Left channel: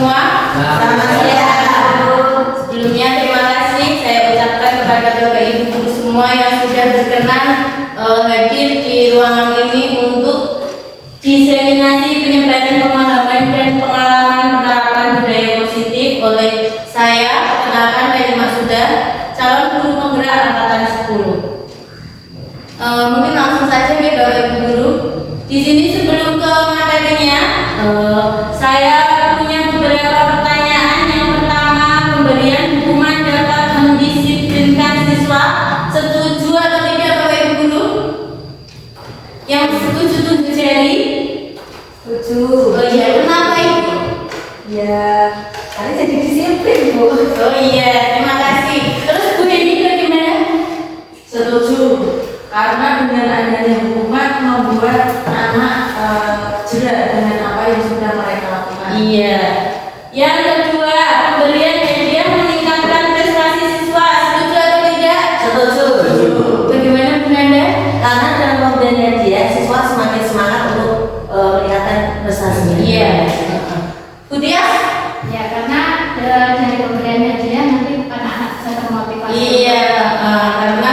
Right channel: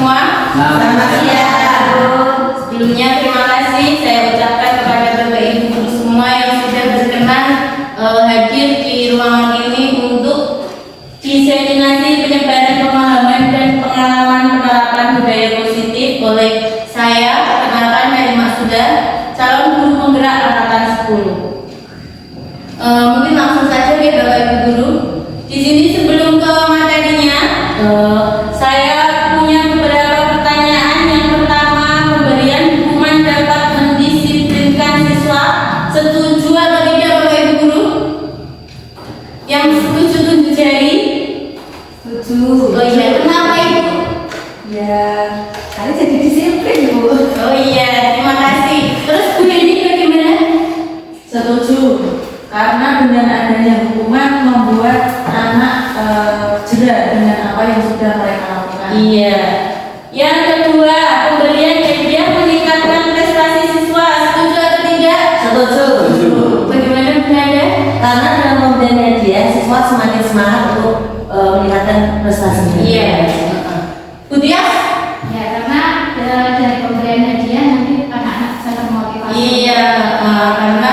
semua. Selamat siang. Sebelumnya terima kasih saya ucapkan kepada Bapak Ibu guru semua yang sudah berkenan hadir di ruangan ini untuk diseminasi penyebaran pemahaman dan pengalaman penerapan budaya positif oleh saya, perkenalkan dari Maksuda, calon guru penggerak angkatan 10. Mungkin langsung saja ya Bapak Ibu guru. Di sini sebelum ke materinya, saya punya beberapa pertanyaan. Yang pertama, pemberian hukuman dapat mendisiplinkan siswa. Setuju atau tidak Bapak Ibu guru? Yang setuju tunjuk jari. Setuju. Oh iya, kenapa Ibu? Ya, kali jadi disiplin Bu. Oh iya, terima kasih. Terus Bu Yeni bagaimana? Setuju. Karena dengan adanya hukuman membuat anak jera dengan apa yang sudah mereka lakukan. Iya. Yang kedua, pemberian hadiah meningkatkan prestasi siswa. Setuju atau tidak? Setuju. Bagaimana Bu Nanda? Karena dengan pemberian hadiah siswa semakin semangat untuk meningkatkan prestasinya. Iya. Bu Tia? Ya, karena dari pemberian hadiah nanti anak-anak bisa termotivasi. Iya, karena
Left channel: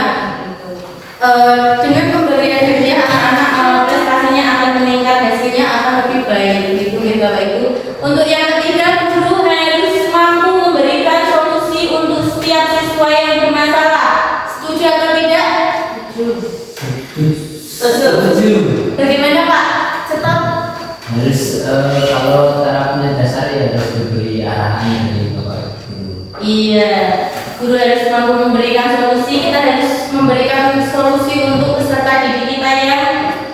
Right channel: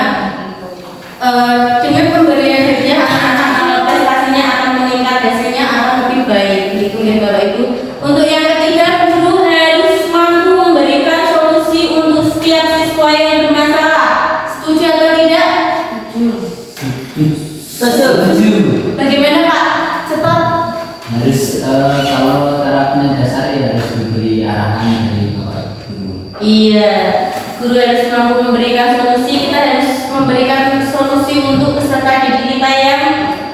dengan pemberian hadiah anak-anak prestasinya akan meningkat, hasilnya akan lebih baik. Gitu ya Bapak Ibu. Untuk yang ketiga, guru harus mampu memberikan solusi untuk setiap siswa yang bermasalah. Setuju atau tidak? Setuju. Bagaimana Pak? Stop. Harus kalau tarafnya dasar ya harus diberi arahan dari bapak guru. Iya, guru harus mampu memberikan solusi. Kita harus memberikan solusi untuk peserta didik kita yang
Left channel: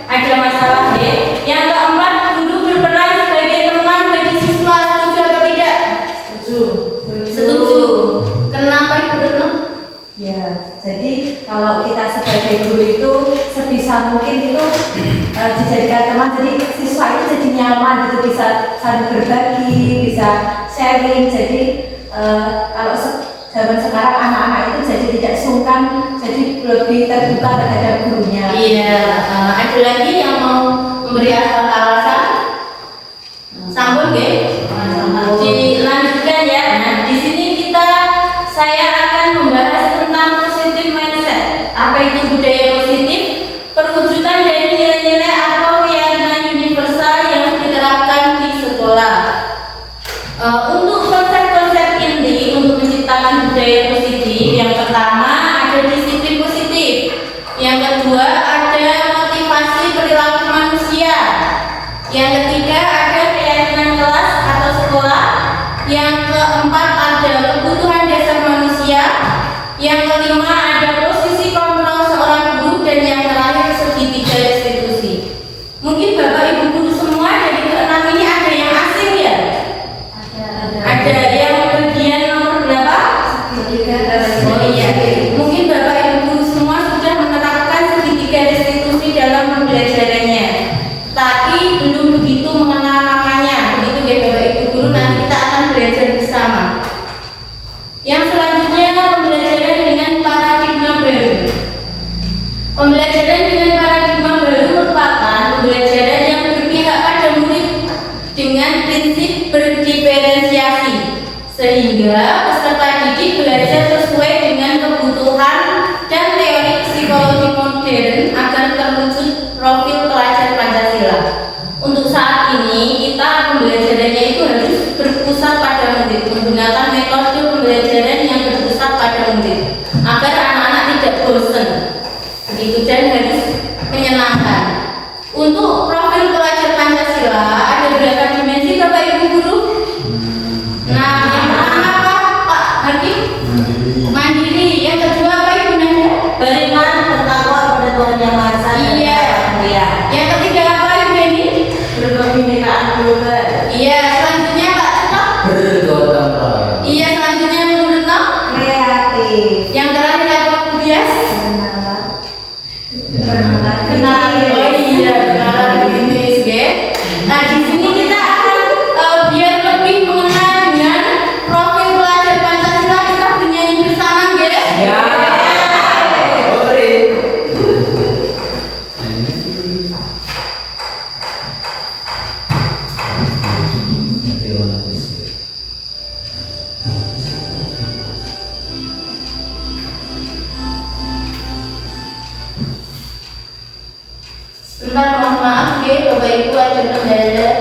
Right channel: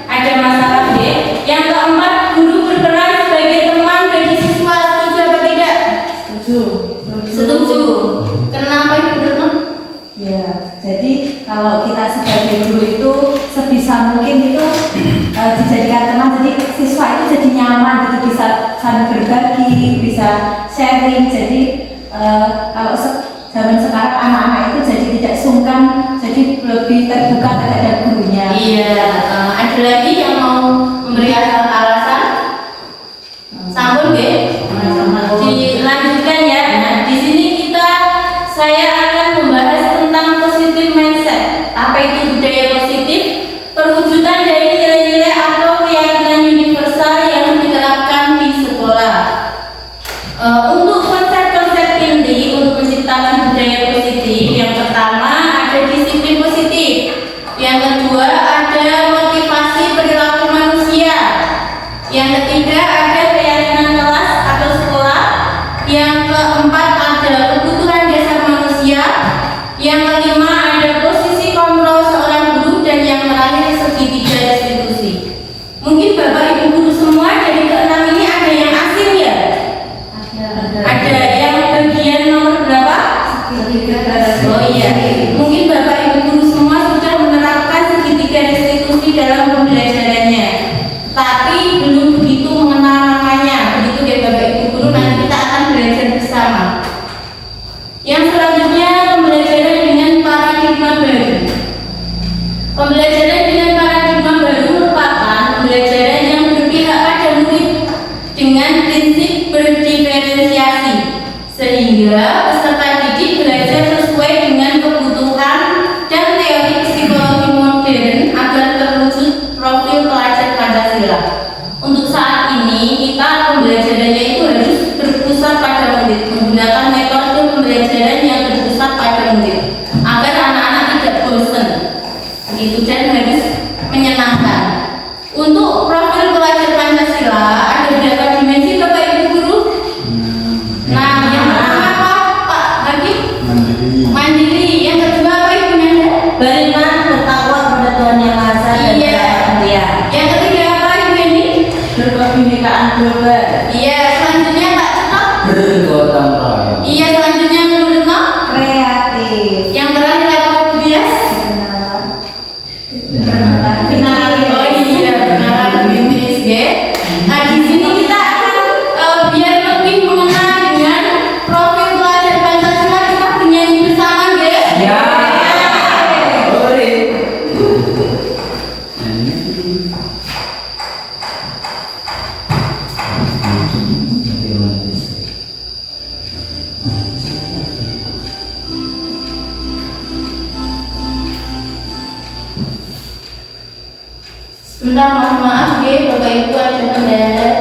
ada masalah ya. Yang keempat, guru berperan sebagai teman bagi siswa. Setuju atau tidak? Setuju. Kenapa Ibu Retno? Ya, jadi kalau kita sebagai guru itu sebisa mungkin itu dijadikan teman, jadi siswa itu jadi nyaman gitu, bisa saling berbagi, bisa sharing. Jadi kalau zaman sekarang anak-anak itu jadi tidak sungkan, jadi lebih terbuka terhadap gurunya. Iya. Ada lagi yang mau memberikan alasan? Sambung deh. Dilanjutkan ya. Nah, di sini saya akan membahas tentang positive mindset. Apa itu budaya positif? Perwujudan dari nilai-nilai atau keyakinan universal yang diterapkan di sekolah. Untuk konsep-konsep inti untuk menciptakan budaya positif, yang pertama ada disiplin positif, yang kedua ada motivasi perilaku manusia, yang ketiga ada keyakinan kelas atau sekolah, yang keempat ada kebutuhan dasar manusia, yang kelima ada posisi kontrol seorang guru, dan yang terakhir segitiga institusi. Mungkin Bapak Ibu guru semua dari keenam ini ada yang asing ya? Ada yang bagian nomor berapa? Oh iya. Mungkin Bapak Ibu guru semua sudah menerapkan segitiga restitusi dalam pembelajarannya, tapi belum begitu mengenal namanya. Begitu ya Bapak Ibu guru, nanti kita akan belajar bersama. Yang selanjutnya, pembelajaran dengan paradigma baru. Pembelajaran dengan paradigma baru merupakan pembelajaran yang berpihak pada murid dengan prinsip berdiferensiasi, sehingga peserta didik belajar sesuai dengan kebutuhan dan teori psikologi modern agar terwujud profil pelajar Pancasila. Untuk saat ini kita pembelajarannya itu harus berpusat pada murid, menggunakan metode pembelajaran yang berpusat pada murid agar anak-anak tidak bosan, begitu, dan harus menyenangkan. Untuk profil pelajar Pancasila ada berapa dimensi Bapak Ibu guru? Nah, yang pertama apa? nggih Bapak Ibu ajeng kendhar.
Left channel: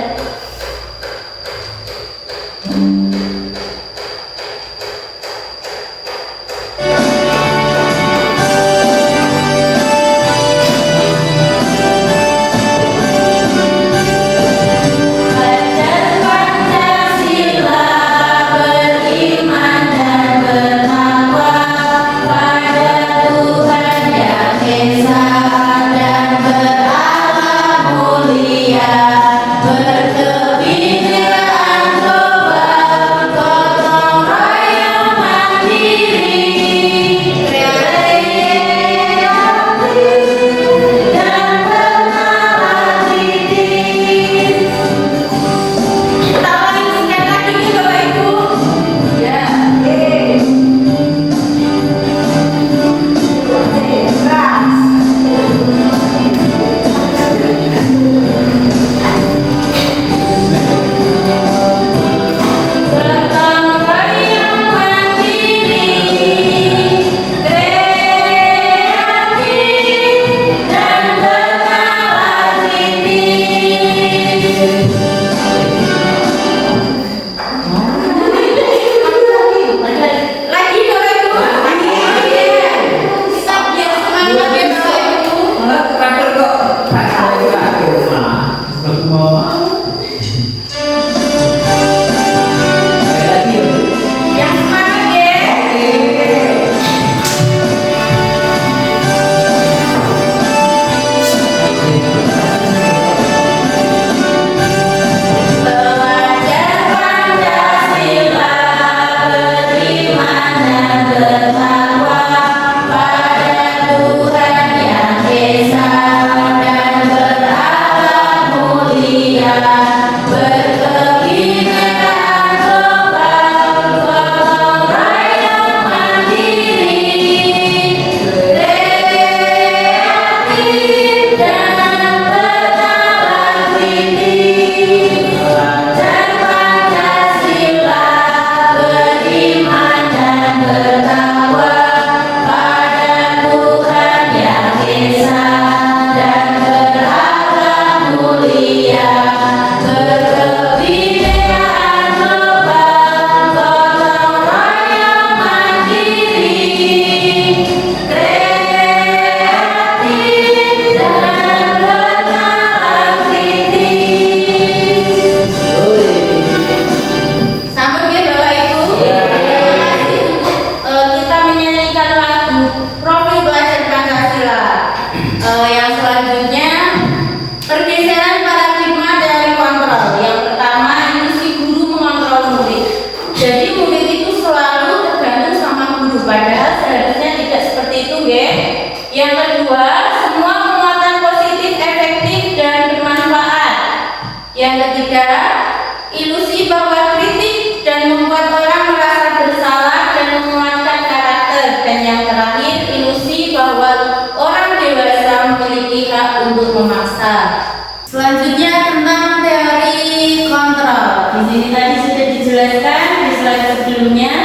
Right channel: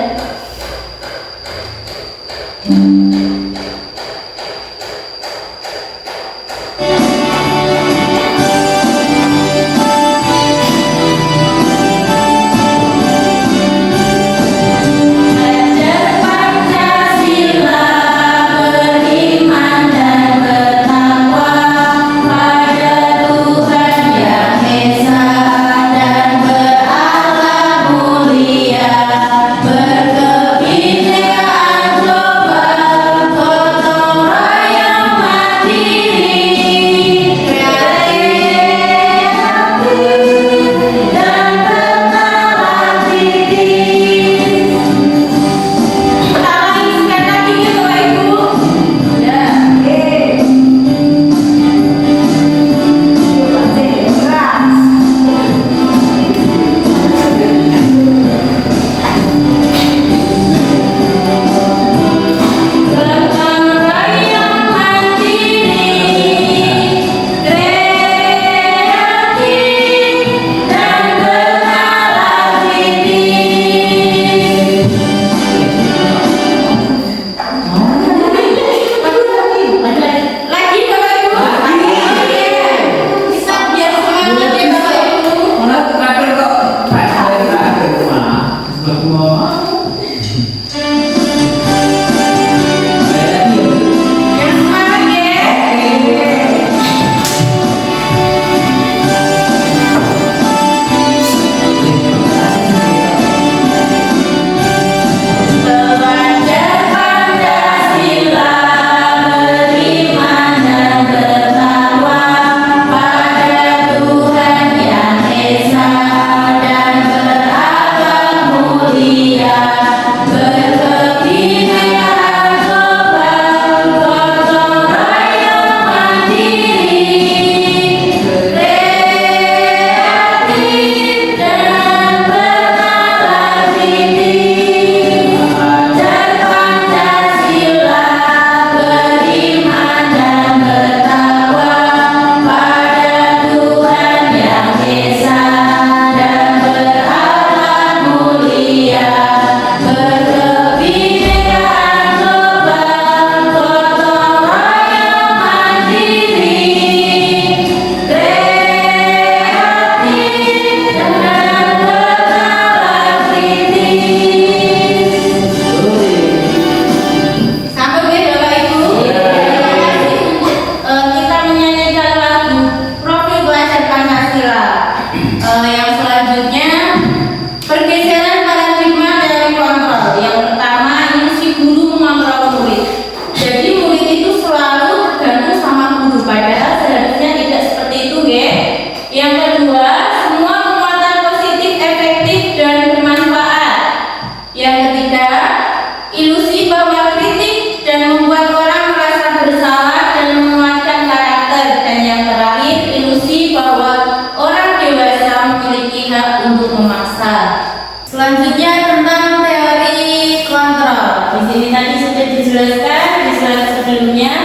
Selanjutnya tentang teori kontrol. Di sini tadi sudah dijelaskan di slide sebelumnya.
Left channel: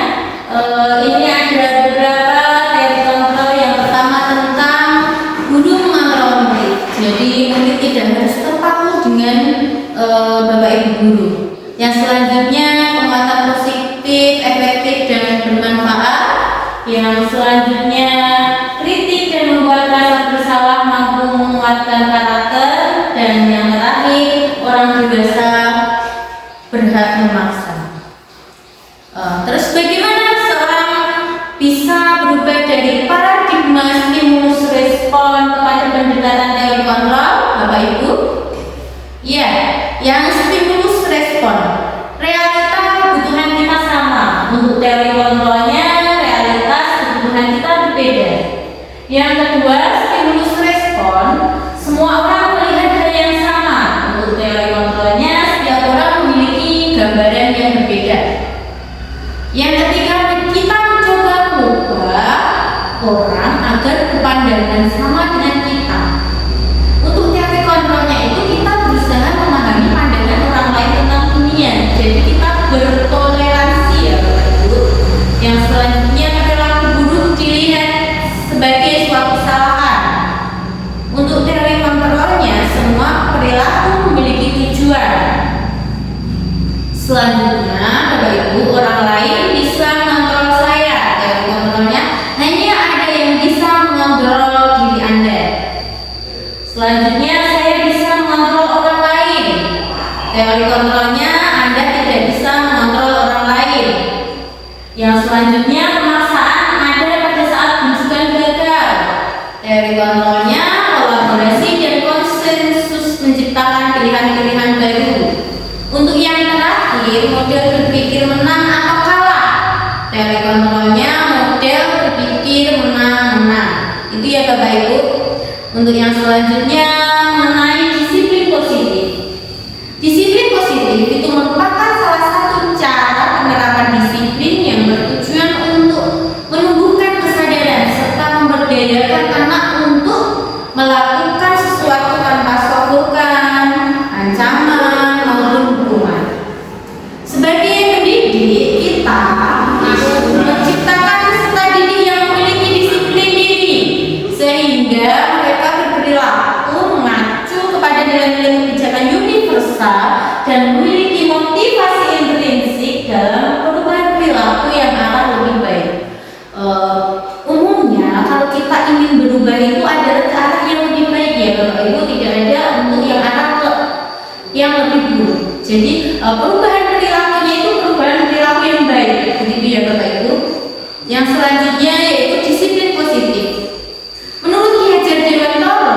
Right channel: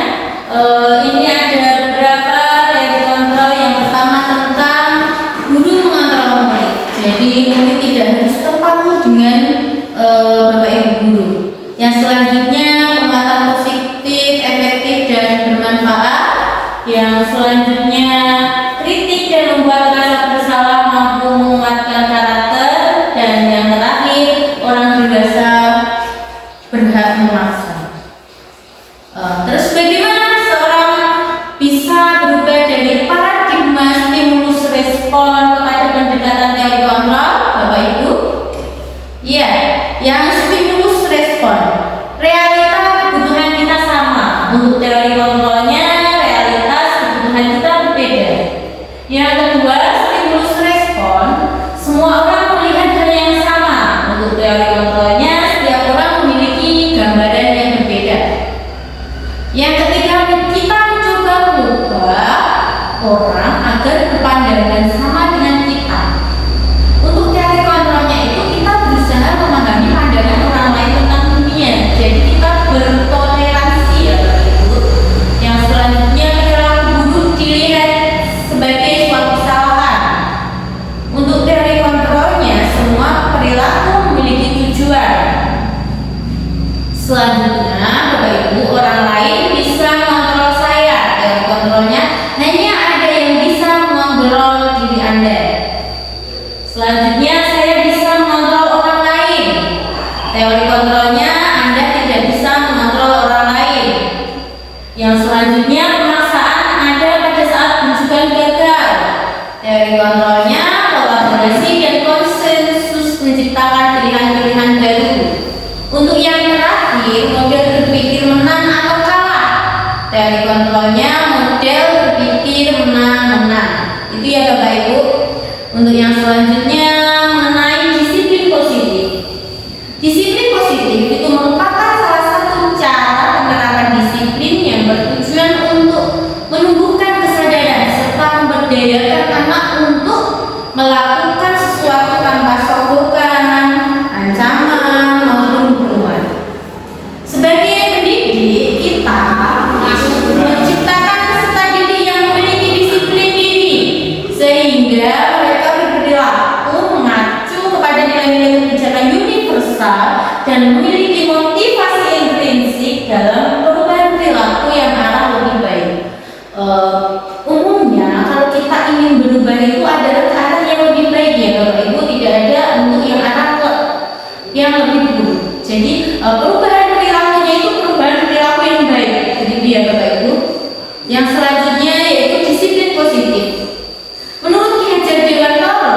Ini ada beberapa teori kontrol. Yang pertama tentang guru mengontrol murid. Jadi murid tidak harus terpaku dengan bapak ibu guru. Yang selanjutnya penguatan positif, efektif dan bermanfaat. Yang selanjutnya kritik dan membuat rasa bersalah mampu menguatkan karakter. Dan yang terakhir, orang dewasa berhak memaksa. Terus bagaimana seorang bisa berubah dari paradigma stimulus respon kepada pendekatan teori kontrol, Bapak Ibu? Ya, yang stimulus respon. Realita kebutuhan kita sama. Untuk teori kontrolnya, realitas kebutuhan kita berbeda. Yang kedua, stimulus respon. Semua orang melihat hal yang sama. Untuk teori kontrolnya, setiap orang memiliki gambaran yang berbeda. Yang ketiga, kita mencoba mengubah orang agar berpandangan sama dengan kita. Untuk teori kontrolnya itu kita berusaha memahami pandangan orang lain tentang dunia. Jadi kita bertoleransi ya Bapak Ibu. Ibu, orang lain bisa mengontrol saya. Teori kontrolnya hanya ada yang bisa mengontrol diri Anda. Selanjutnya, saya bisa mengontrol orang lain. Teori kontrolnya Anda tidak bisa mengontrol orang lain. Yang selanjutnya, pemaksaan ada pada saat rujukan gagal. Teori kontrolnya kolaborasi dan konsensus menciptakan pilihan-pilihan baru. Untuk yang terakhir, model berpikir menang atau kalah. Teori kontrolnya model berpikir menang-menang. Itu ya Bapak Ibu. Untuk yang selanjutnya mengenai disiplin positif. Disiplin positif itu merupakan salah satu cara penerapan disiplin yang bertujuan untuk menumbuhkan kesadaran serta memberdayakan anak untuk melakukan sesuatu tanpa sogokan, ancaman, maupun hukuman. Sebagai pendidik, kita menciptakan peserta didik yang memiliki disiplin diri sehingga mereka berperilaku mengacu kepada nilai-nilai kebijakan universal dan memiliki motivasi intrinsik dalam perubahan perilaku yang arah lebih baik. Umumnya kalau kita ingin berubah itu adalah ke arah yang lebih baik ya Bapak Ibu, tidak ada untuk yang arah yang lebih buruk. Jadi perubahan perilakunya itu perubahan perilaku yang baik, begitu ya Bapak Ibu. Yang selanjutnya yaitu disiplin positif. Menurut Ki Hajar Dewantara,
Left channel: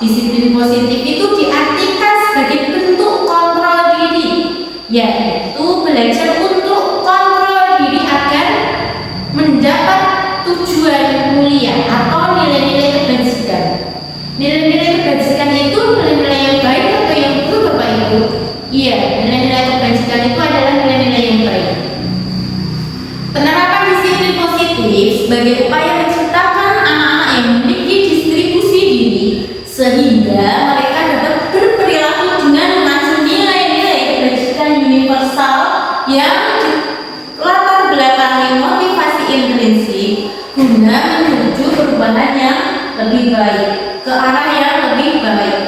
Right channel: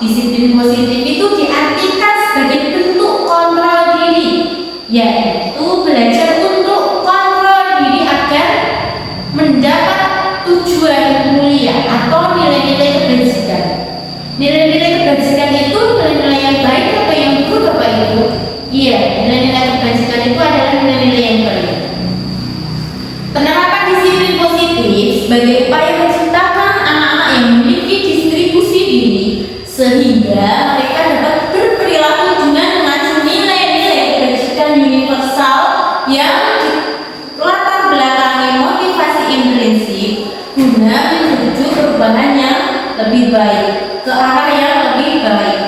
disiplin positif itu diartikan sebagai bentuk kontrol diri, yaitu belajar untuk kontrol diri agar mendapat tujuan mulia atau nilai-nilai kebajikan. Nilai-nilai kebajikan itu nilai-nilai yang baik atau yang buruk Bapak Ibu? Iya, nilai-nilai kebajikan itu adalah nilai-nilai yang baik. Penerapan disiplin positif sebagai upaya menciptakan anak-anak yang memiliki distribusi diri sehingga mereka dapat berperilaku dengan mengacu nilai-nilai kebajikan universal yang latar belakangi motivasi intrinsik guna menuju perubahan yang lebih baik, ke arah yang lebih baik.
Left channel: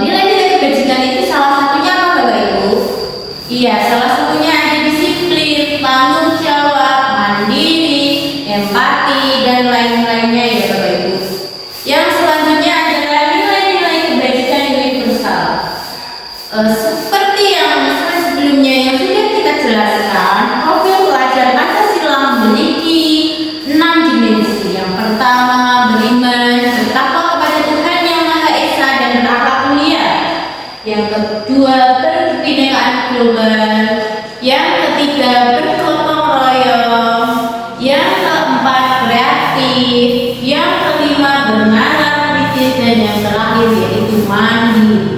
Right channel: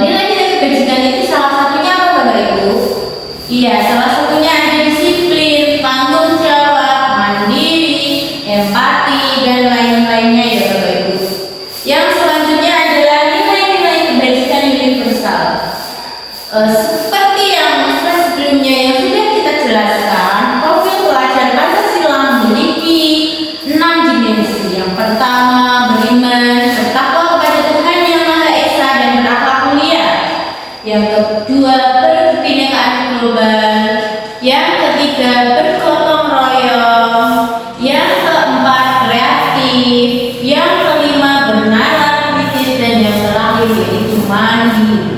Nilai-nilai kebajikan itu salah satunya apa Bapak Ibu? Iya, salah satunya ada disiplin, tanggung jawab, mandiri, empati, dan lain-lainnya ya Bapak Ibu. Yang selanjutnya adalah nilai-nilai kebajikan universal. Seperti yang sebelumnya yang sudah kita jelaskan, profil pelajar Pancasila memiliki 6 dimensi. Yang pertama, beriman, bertakwa kepada Tuhan Yang Maha Esa dan berakhlak mulia. Yang kedua, berkebinekaan global. Yang ketiga, bergotong royong. Yang keempat, kreatif. Yang kelima, bernalar kritis, dan yang terakhir yaitu mandiri.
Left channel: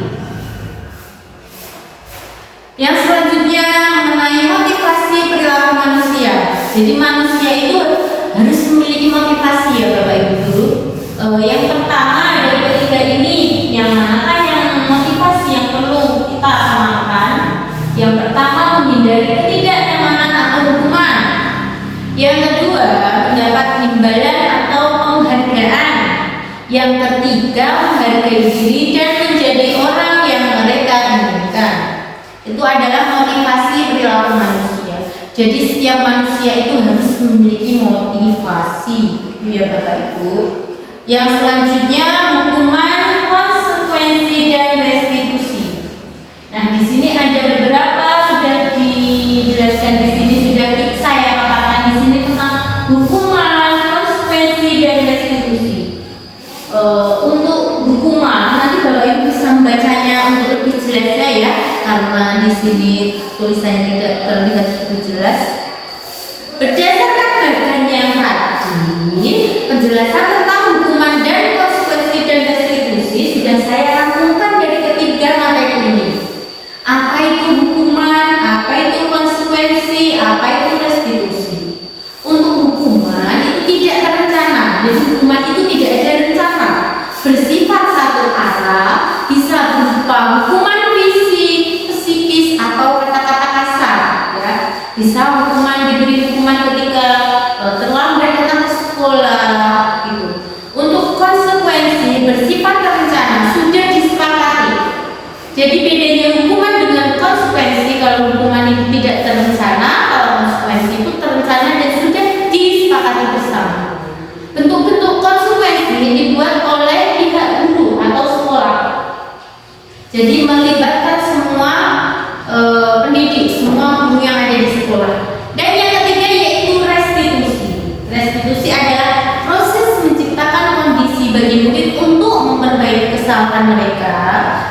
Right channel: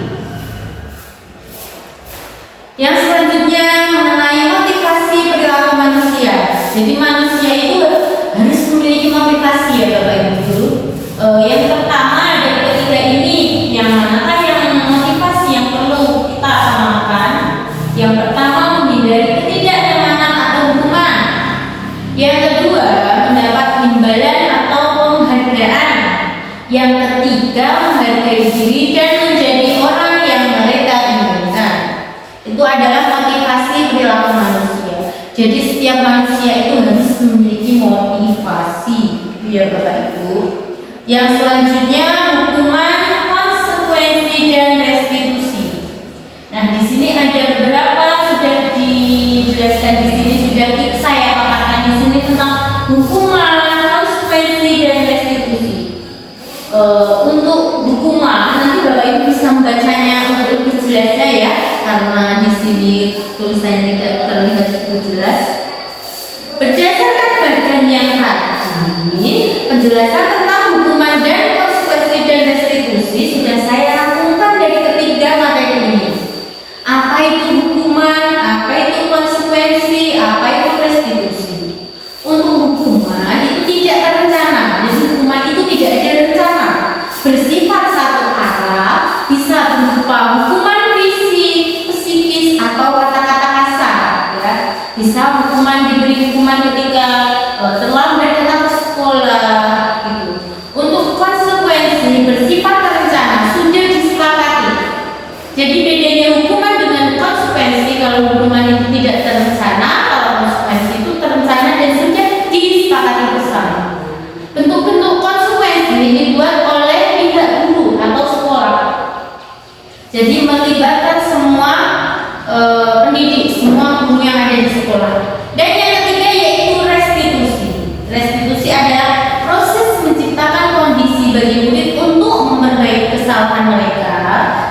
Yang selanjutnya mengenai motivasi perilaku manusia. Jadi manusia itu harus memiliki motivasi ya Bapak Ibu. Yang pertama dari ketiga ini, yang mana yang motivasi yang perlu kita amalkan? Yang pertama, menghindari ketidaknyamanan atau hukuman. Yang kedua, mendapat imbalan atau penghargaan. Yang ketiga, menghargai diri dan menjadi orang yang mereka inginkan. Itu adalah motivasi perilaku manusia. Jadi setiap manusia itu harus memiliki motivasi, ya Bapak Ibu. Yang selanjutnya hukuman, konsekuensi, dan restitusi. Nah di sini ada beberapa sudah dijelaskan di sini, sudah saya paparkan di sini tentang hukuman, konsekuensi, dan restitusi. Untuk hukuman nanti Bapak Ibu bisa membacanya untuk lebih jelas ya, karena di sini tulisannya tidak terlihat cukup jelas. Berdasarkan bagian yang tadi, penjelasan tentang hukuman dan konsekuensi dan restitusi sudah saya rangkumkan dari ketiga materi ini. Apa itu hukuman, apa itu konsekuensi, apa itu restitusi. Untuk hukuman itu tidak terencana, jadi hukuman itu tidak ada rencana, bersifat satu arah, bisa berupa hukuman fisik, psikis, atau kata-kata kasar ya. Bisa hukuman, diberi hukuman ketika terlambat datang ke sekolah gitu. Untuk konsekuensi bersifat terencana, sudah disepakati. Jadi bedanya hukuman dengan konsekuensi, kalau hukuman itu tidak terencana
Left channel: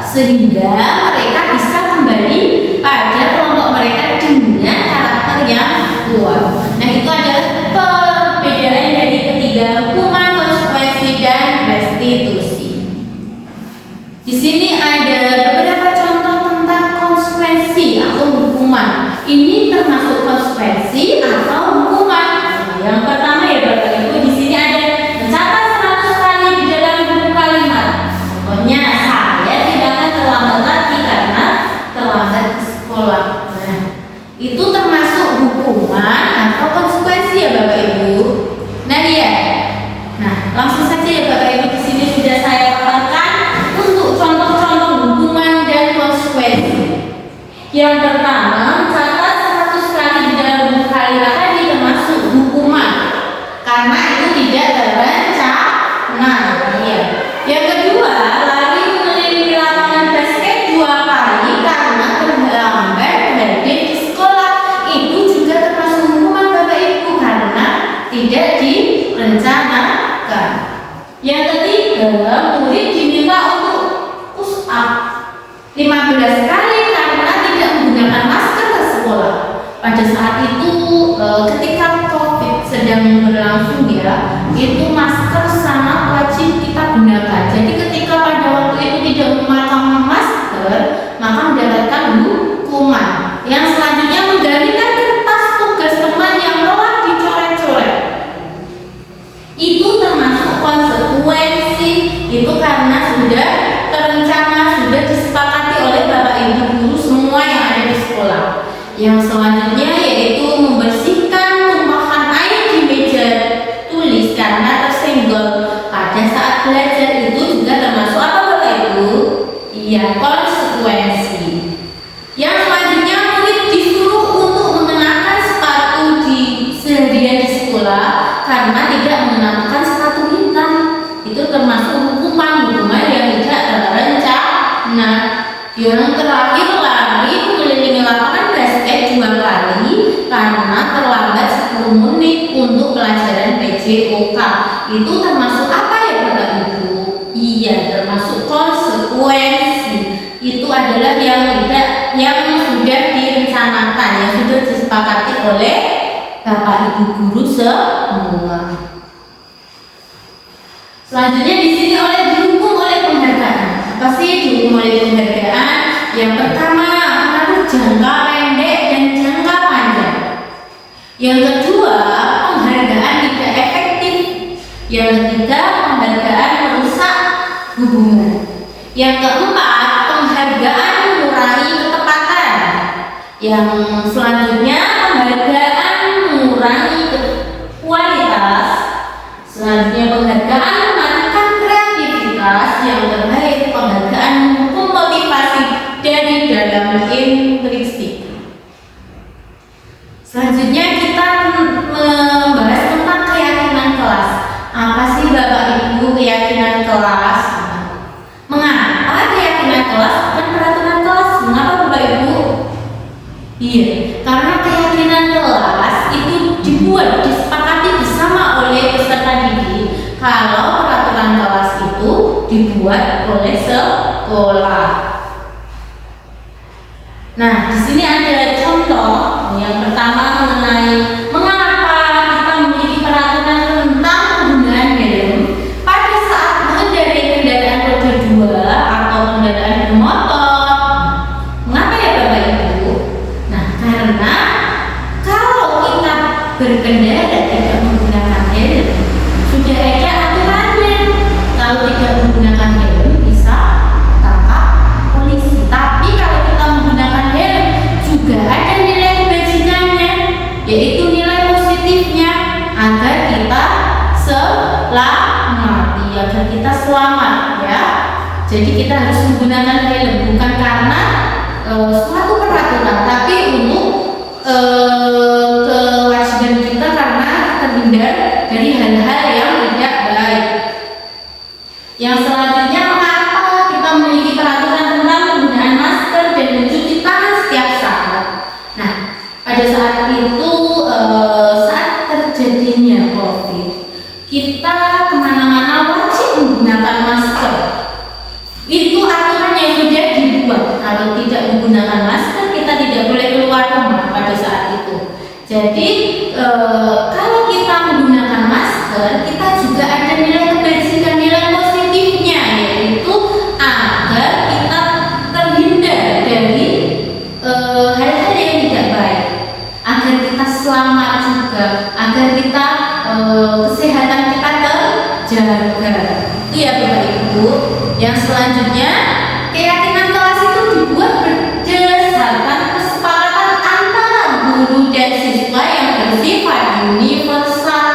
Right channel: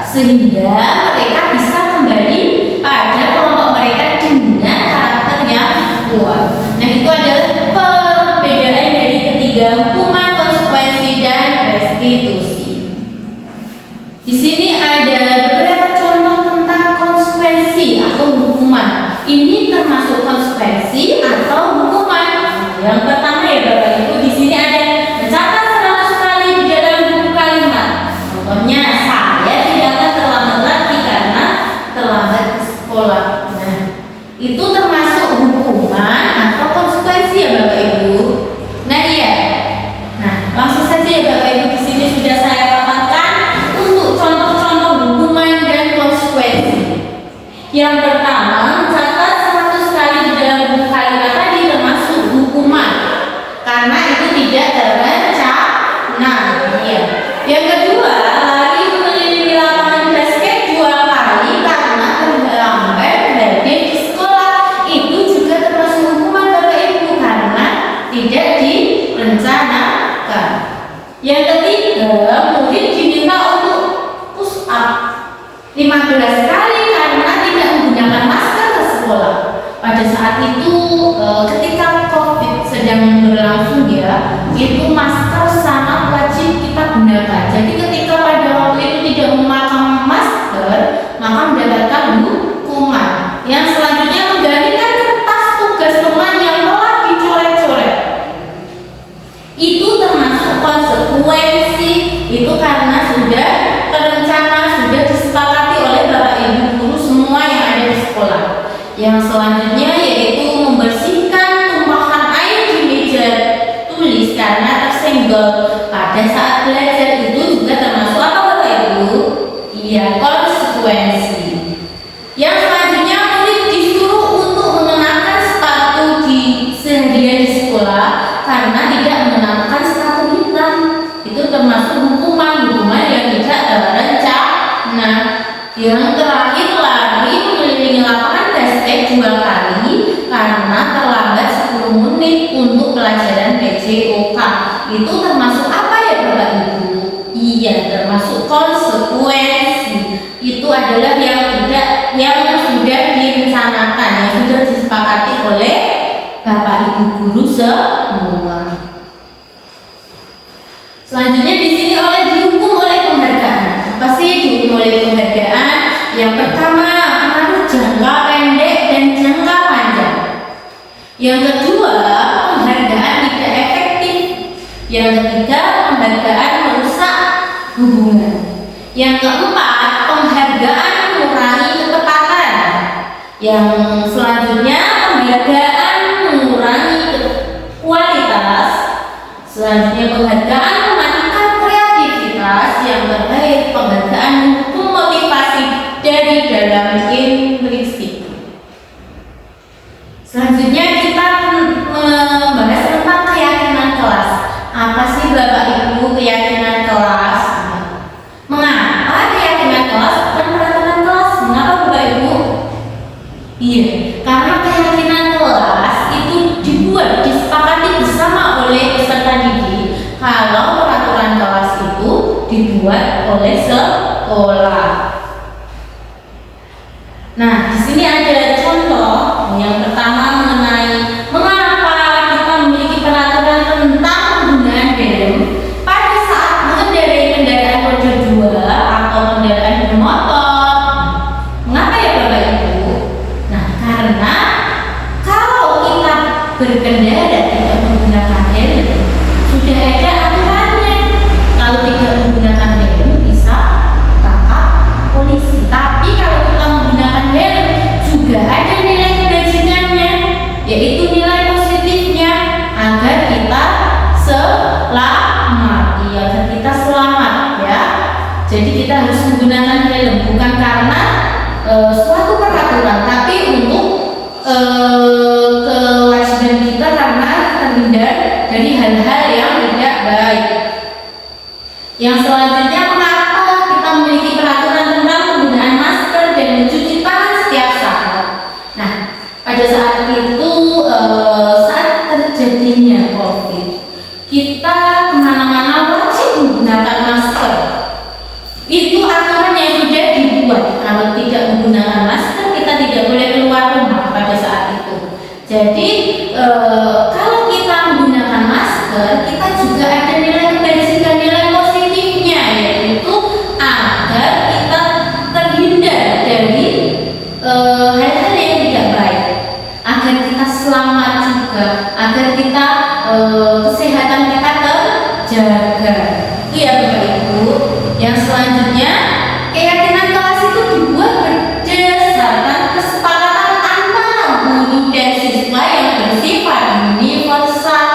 sehingga mereka bisa kembali pada kelompok mereka dengan karakter yang kuat. Nah, itu adalah perbedaan dari ketiga hukuman, konsekuensi, dan restitusi. Di sini ada beberapa contoh tentang konsekuensi atau hukuman. Ini termasuk konsekuensi atau hukuman. Yang pertama ya Bapak Ibu, di sini ada mencatat 100 kali di dalam buku kalimat. Contohnya, saya tidak akan terlambat lagi karena terlambat ke sekolah. Nah, itu termasuk hukuman atau konsekuensi ya Bapak Ibu. Nah, iya. Nah, langsung saja ya Bapak Ibu, di sini sudah saya paparkan untuk contoh-contoh hukuman dan konsekuensi. Yang pertama, mencatat 100 kali di dalam buku kalimat tadi termasuk hukuman karena itu tidak terencana. Ya. Yang kedua, lari mengelilingi lapangan basket 2 kali karena terlambat belajar di sekolah. Itu juga termasuk hukuman Bapak Ibu karena tidak direncanakan. Yang ketiga, murid diminta untuk push up 15 kali karena tidak menggunakan masker ke sekolah. Pada saat itu ketika COVID sedang berlangsung ya, itu masker sangat wajib kita gunakan. Jadi ketika pada waktu itu tidak memakai masker, maka mendapatkan hukuman. Yang selanjutnya, menggantikan kertas tugas teman yang telah dicoret-coret. Itu termasuk konsekuensi. Itu karena sudah terencana, sudah disepakati oleh Bapak Ibu guru semua yang ada di sekolah. Yang selanjutnya yaitu membersihkan tumpahan air di meja tulis karena tersenggol pada saat belajar. Itu juga termasuk apa Bapak Ibu? Iya, konsekuensi. Yang selanjutnya, murid disuruh untuk mengenakan sepatu di seharian di sekolah karena tidak mengenakan sepatu hitam. Itu termasuk hukuman yang tidak terencana. Yang terakhir, lari mengelilingi lapangan basket 2 kali karena terlambat 10 menit untuk pelajaran PJOK. Itu termasuk apa ya Bapak Ibu? Iya, termasuk konsekuensi. Itu adalah yang sudah direncanakan, yang sudah disepakati oleh Bapak Ibu guru semua. Selanjutnya di sini dihukum oleh penghargaan. Apa sih dihukum oleh penghargaan? Yang pertama, pengaruh jangka pendek dan jangka panjang. Yang kedua, penghargaan tidak efektif. Yang ketiga, penghargaan merusak hubungan. Yang keempat, penghargaan mengurangi ketepatan. Yang selanjutnya, penghargaan mengurangi kualitas. Selanjutnya, penghargaan mematikan kreativitas. Yang terakhir, penghargaan mendukung motivasi dari dalam intrinsik. Selanjutnya kita membahas tentang keyakinan kelas. Apa sih Bapak Ibu keyakinan kelas? Mengapa keyakinan kelas dan peraturan kelas? Mengapa Bapak Ibu? Iya, karena keyakinan kelas itu disepakati bersama oleh peserta didik. Kalau peraturan kelas itu dibuat oleh sekolah. Nah, di sini ada contoh. Yang pertama mengenai mengapa kita memiliki peraturan tentang penggunaan helm pada saat mengendarai kendaraan roda 2 atau kendaraan bermotor. Mengapa ya Bapak Ibu? Nah, karena kalau kita berkendara tidak menggunakan helm, sudah ada aturannya. Kalau tidak menggunakan helm bisa ditangkap polisi. Tapi kalau kita menggunakan helm juga ada nilai kebajikannya, yaitu nilai positifnya agar kita selamat. Iya, agar kita selamat ya. Jadi kita harus menggunakan helm bukan karena suatu peraturan, tapi untuk kewajiban kita karena terhindar dari hal-hal yang tidak baik. Yang selanjutnya, mengapa kita memiliki peraturan tentang penggunaan masker dan mencuci tangan setiap saat? Nah, pada saat itu saat terjadinya COVID, kita kemana-mana wajib menggunakan masker. Itu aturan yang sudah Jadi kalau kita menggunakan masker, kita juga ada nilai kebaikan dan nilai positifnya, yaitu agar kita terhindar dari hal-hal yang tidak baik, agar kita selamat juga, agar kita kesehatan kita terjaga. Itu ya Bapak Ibu. Yang selanjutnya, keyakinan kelas itu dibuat berdasarkan kesepakatan antara guru dan siswa yang bersifat universal.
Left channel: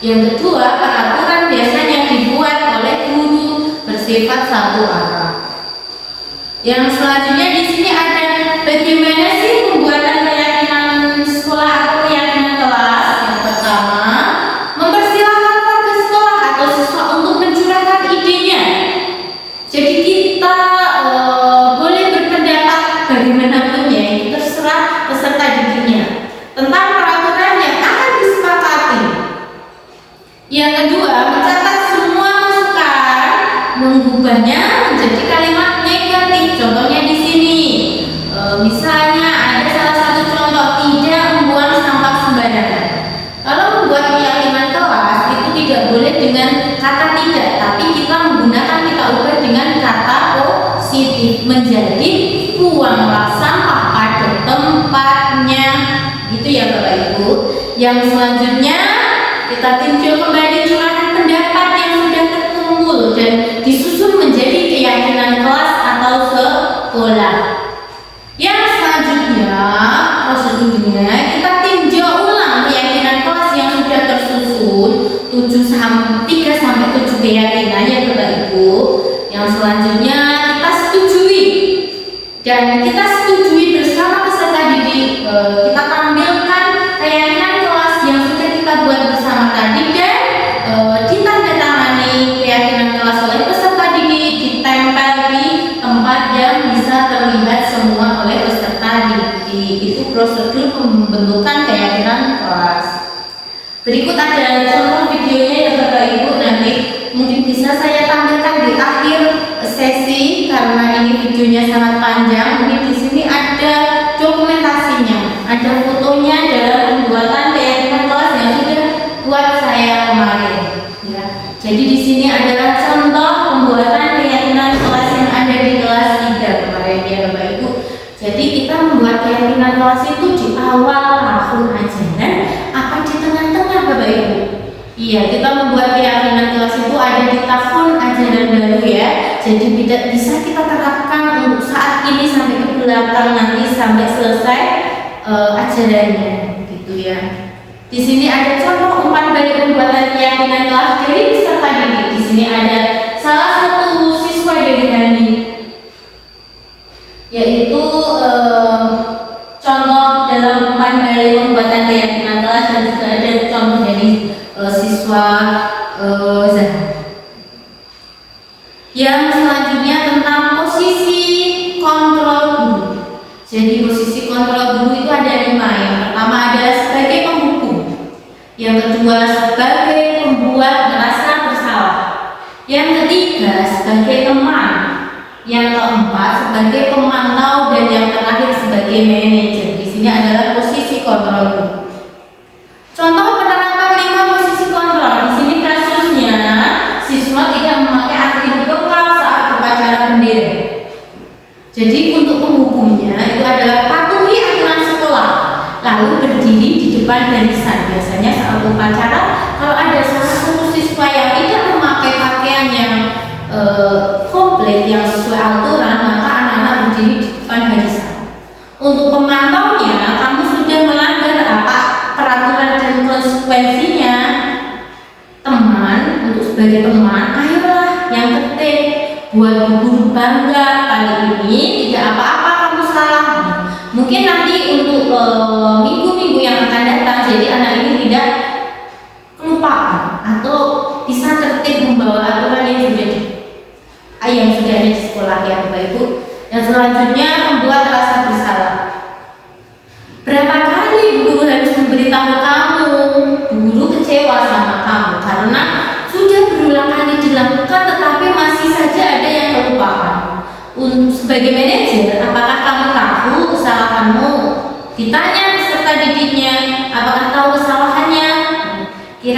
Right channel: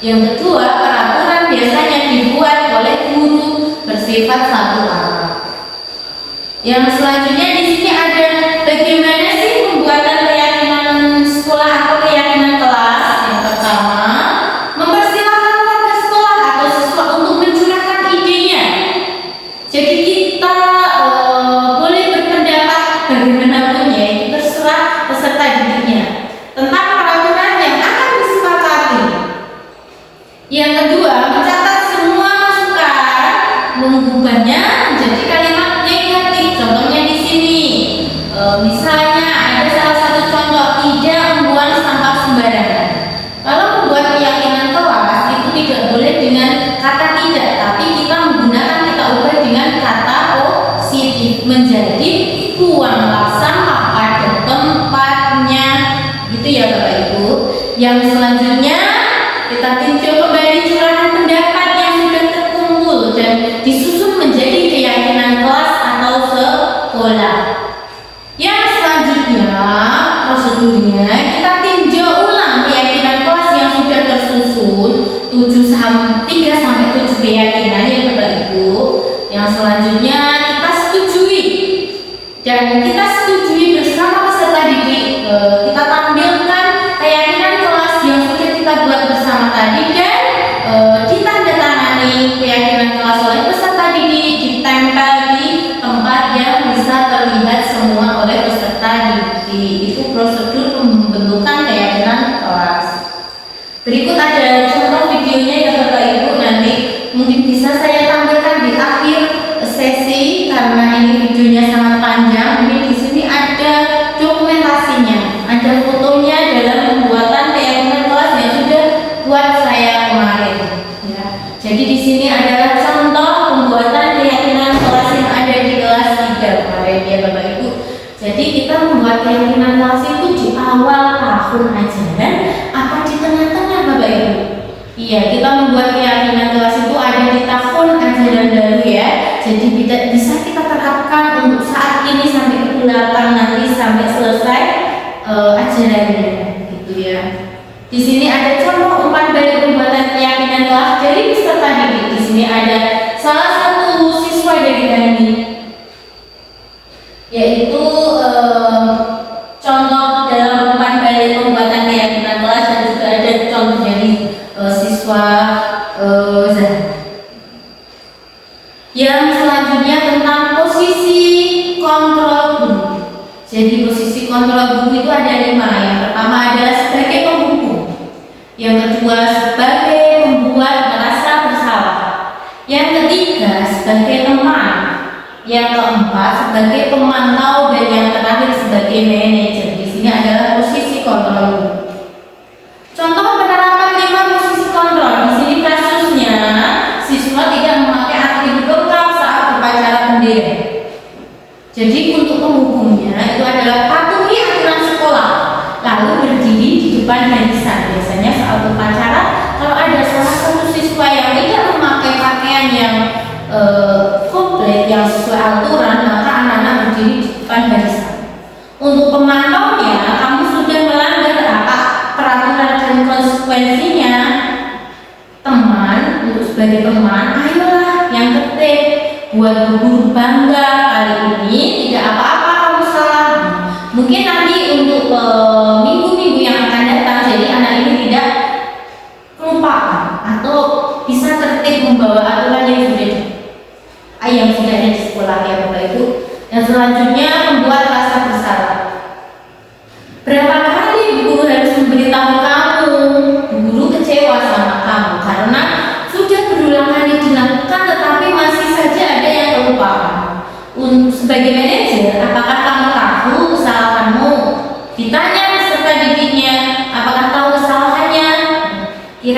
Yang kedua, peraturan biasanya dibuat oleh guru bersifat satu arah. Yang selanjutnya di sini ada bagaimana sih pembuatan keyakinan sekolah atau keyakinan kelas. Yang pertama, mempersilahkan warga sekolah atau siswa untuk mencurahkan idenya. Jadi kita boleh berpendapat bagaimanapun ya, itu terserah peserta didiknya tentang peraturan yang akan disepakati. Yang kedua, mencatat semua masukan, mengubahnya menjadi kalimat negatif. Contohnya di sini, misalnya ada salah satu contoh, tidak membuang sampah sembarangan. Kalau membuat keyakinan kelas itu tidak boleh dengan kata tidak, tapi kita menggunakan, kita ubah dengan kata positif menjadi buanglah sampah pada tempatnya. Gitu ya Bapak Ibu. Yang selanjutnya, kita tinjau kembali curahan pendapat yang sudah terkumpul dan disusun menjadi keyakinan kelas atau sekolah. Yang selanjutnya, prosedurnya kita tinjau ulang keyakinan kelas yang sudah tersusun 3 sampai 7 keyakinan ya Bapak Ibu. Yang selanjutnya kita setujui dan kita setujui bersama peserta didik. Kita tampilkan keyakinan kelas yang sudah kita buat bersama tadi dan ditandatangani keyakinan kelas oleh peserta didik, ditempel di tempat yang bisa terlihat semua oleh peserta didik. Itu prosedur pembentukan keyakinan kelas. Berikut ada contoh videonya ya Bapak Ibu, nanti mungkin bisa saya tampilkan di akhir sesi karena ini videonya sangat panjang. Mungkin di sini ada dokumentasinya, ada fotonya dalam pembuatan keyakinan kelas yang sudah buat saya kemarin. Ya. Jadi di sini adalah contoh pembuatan keyakinan kelas yang ada di kelas 3 kemarin ya Bapak Ibu. Jadi kita membuat keyakinan kelas itu di awal tahun ajaran apa di tengah-tengah Bapak Ibu? Iya, kita membuat keyakinan kelas itu ada di tahun ajaran baru ya. Jadi tidak bisa kita terapkan untuk saat ini sampai ke belakang nanti sampai selesai ajarannya, gitu ya. Di sini ada contoh umpan balik pembuatan keyakinan kelas. Jadi peserta didik di sini ada salah satu siswa dari Bani, yaitu contoh dalam umpan balik pembuatan keyakinan kelas dan juga ada contoh dari siswa Zahra. Yang selanjutnya tentang posisi kontrol guru. Jadi posisi kontrol guru itu ada 5. Yang pertama adalah sebagai penghukum, yang kedua sebagai pembuat merasa bersalah, yang ketiga sebagai teman, yang keempat sebagai pemantau, dan yang terakhir sebagai manajer. Di sini adalah posisi kontrol guru. Contoh penerapan 5 posisi kontrol. Di sini kasusnya siswa tidak memakai atribut lokal saat upacara bendera. Jadi untuk penghukumnya itu adalah patuhi aturan sekolah, lalu berdiri di depan barisan. Biasanya saat upacara kalau ada salah satu siswa yang tidak memakai pakaian yang komplit yang sesuai aturan, maka anak-anak berdiri di depan barisan. Untuk pemantaunya, kamu sudah melanggar apa peraturan dan konsekuensinya. Teman, untuk sebagai teman, ayolah yang tertib, buat guru bangga. Kali ini tidak apa-apa kamu salah. Mungkin nanti untuk minggu-minggu yang akan datang, jadi anak ini tidak kelupaan atau bisa tertib membawa aturan yang sudah ada di sekolah ya Bapak Ibu. Yang selanjutnya membuat rasa bersalah. Berapa kali guru harus memberitahu kamu, guru kecewa sama kamu karena sudah berulang kali dilakukan tetapi masih saja ada yang kelupaan. Sebagai manajer, apakah kamu tahu kesalahanmu? Ditanya peserta didiknya,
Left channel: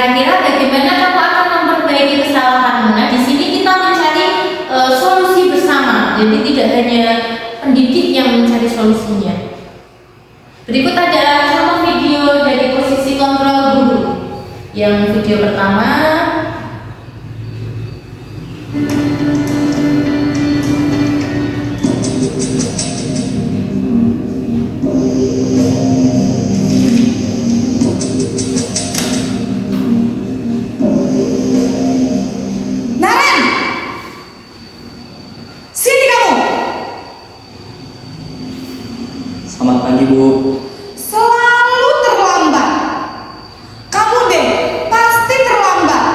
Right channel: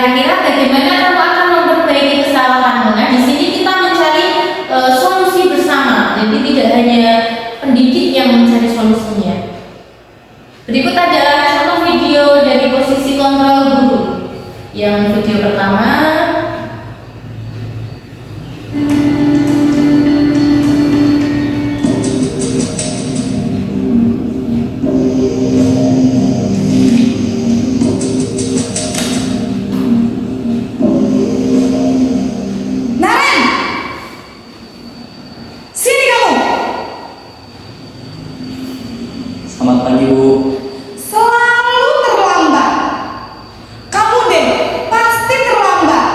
Kira-kira bagaimana kamu akan memperbaiki kesalahanmu? Nah, di sini kita mencari solusi bersama. Jadi tidak hanya pendidik yang mencari solusinya. Berikut adalah contoh video dari posisi kontrol guru. Yang video pertama. Naren, sini kamu. Selamat pagi, Bu. Selalu terlambat. Kamu deh, pasti terlambat.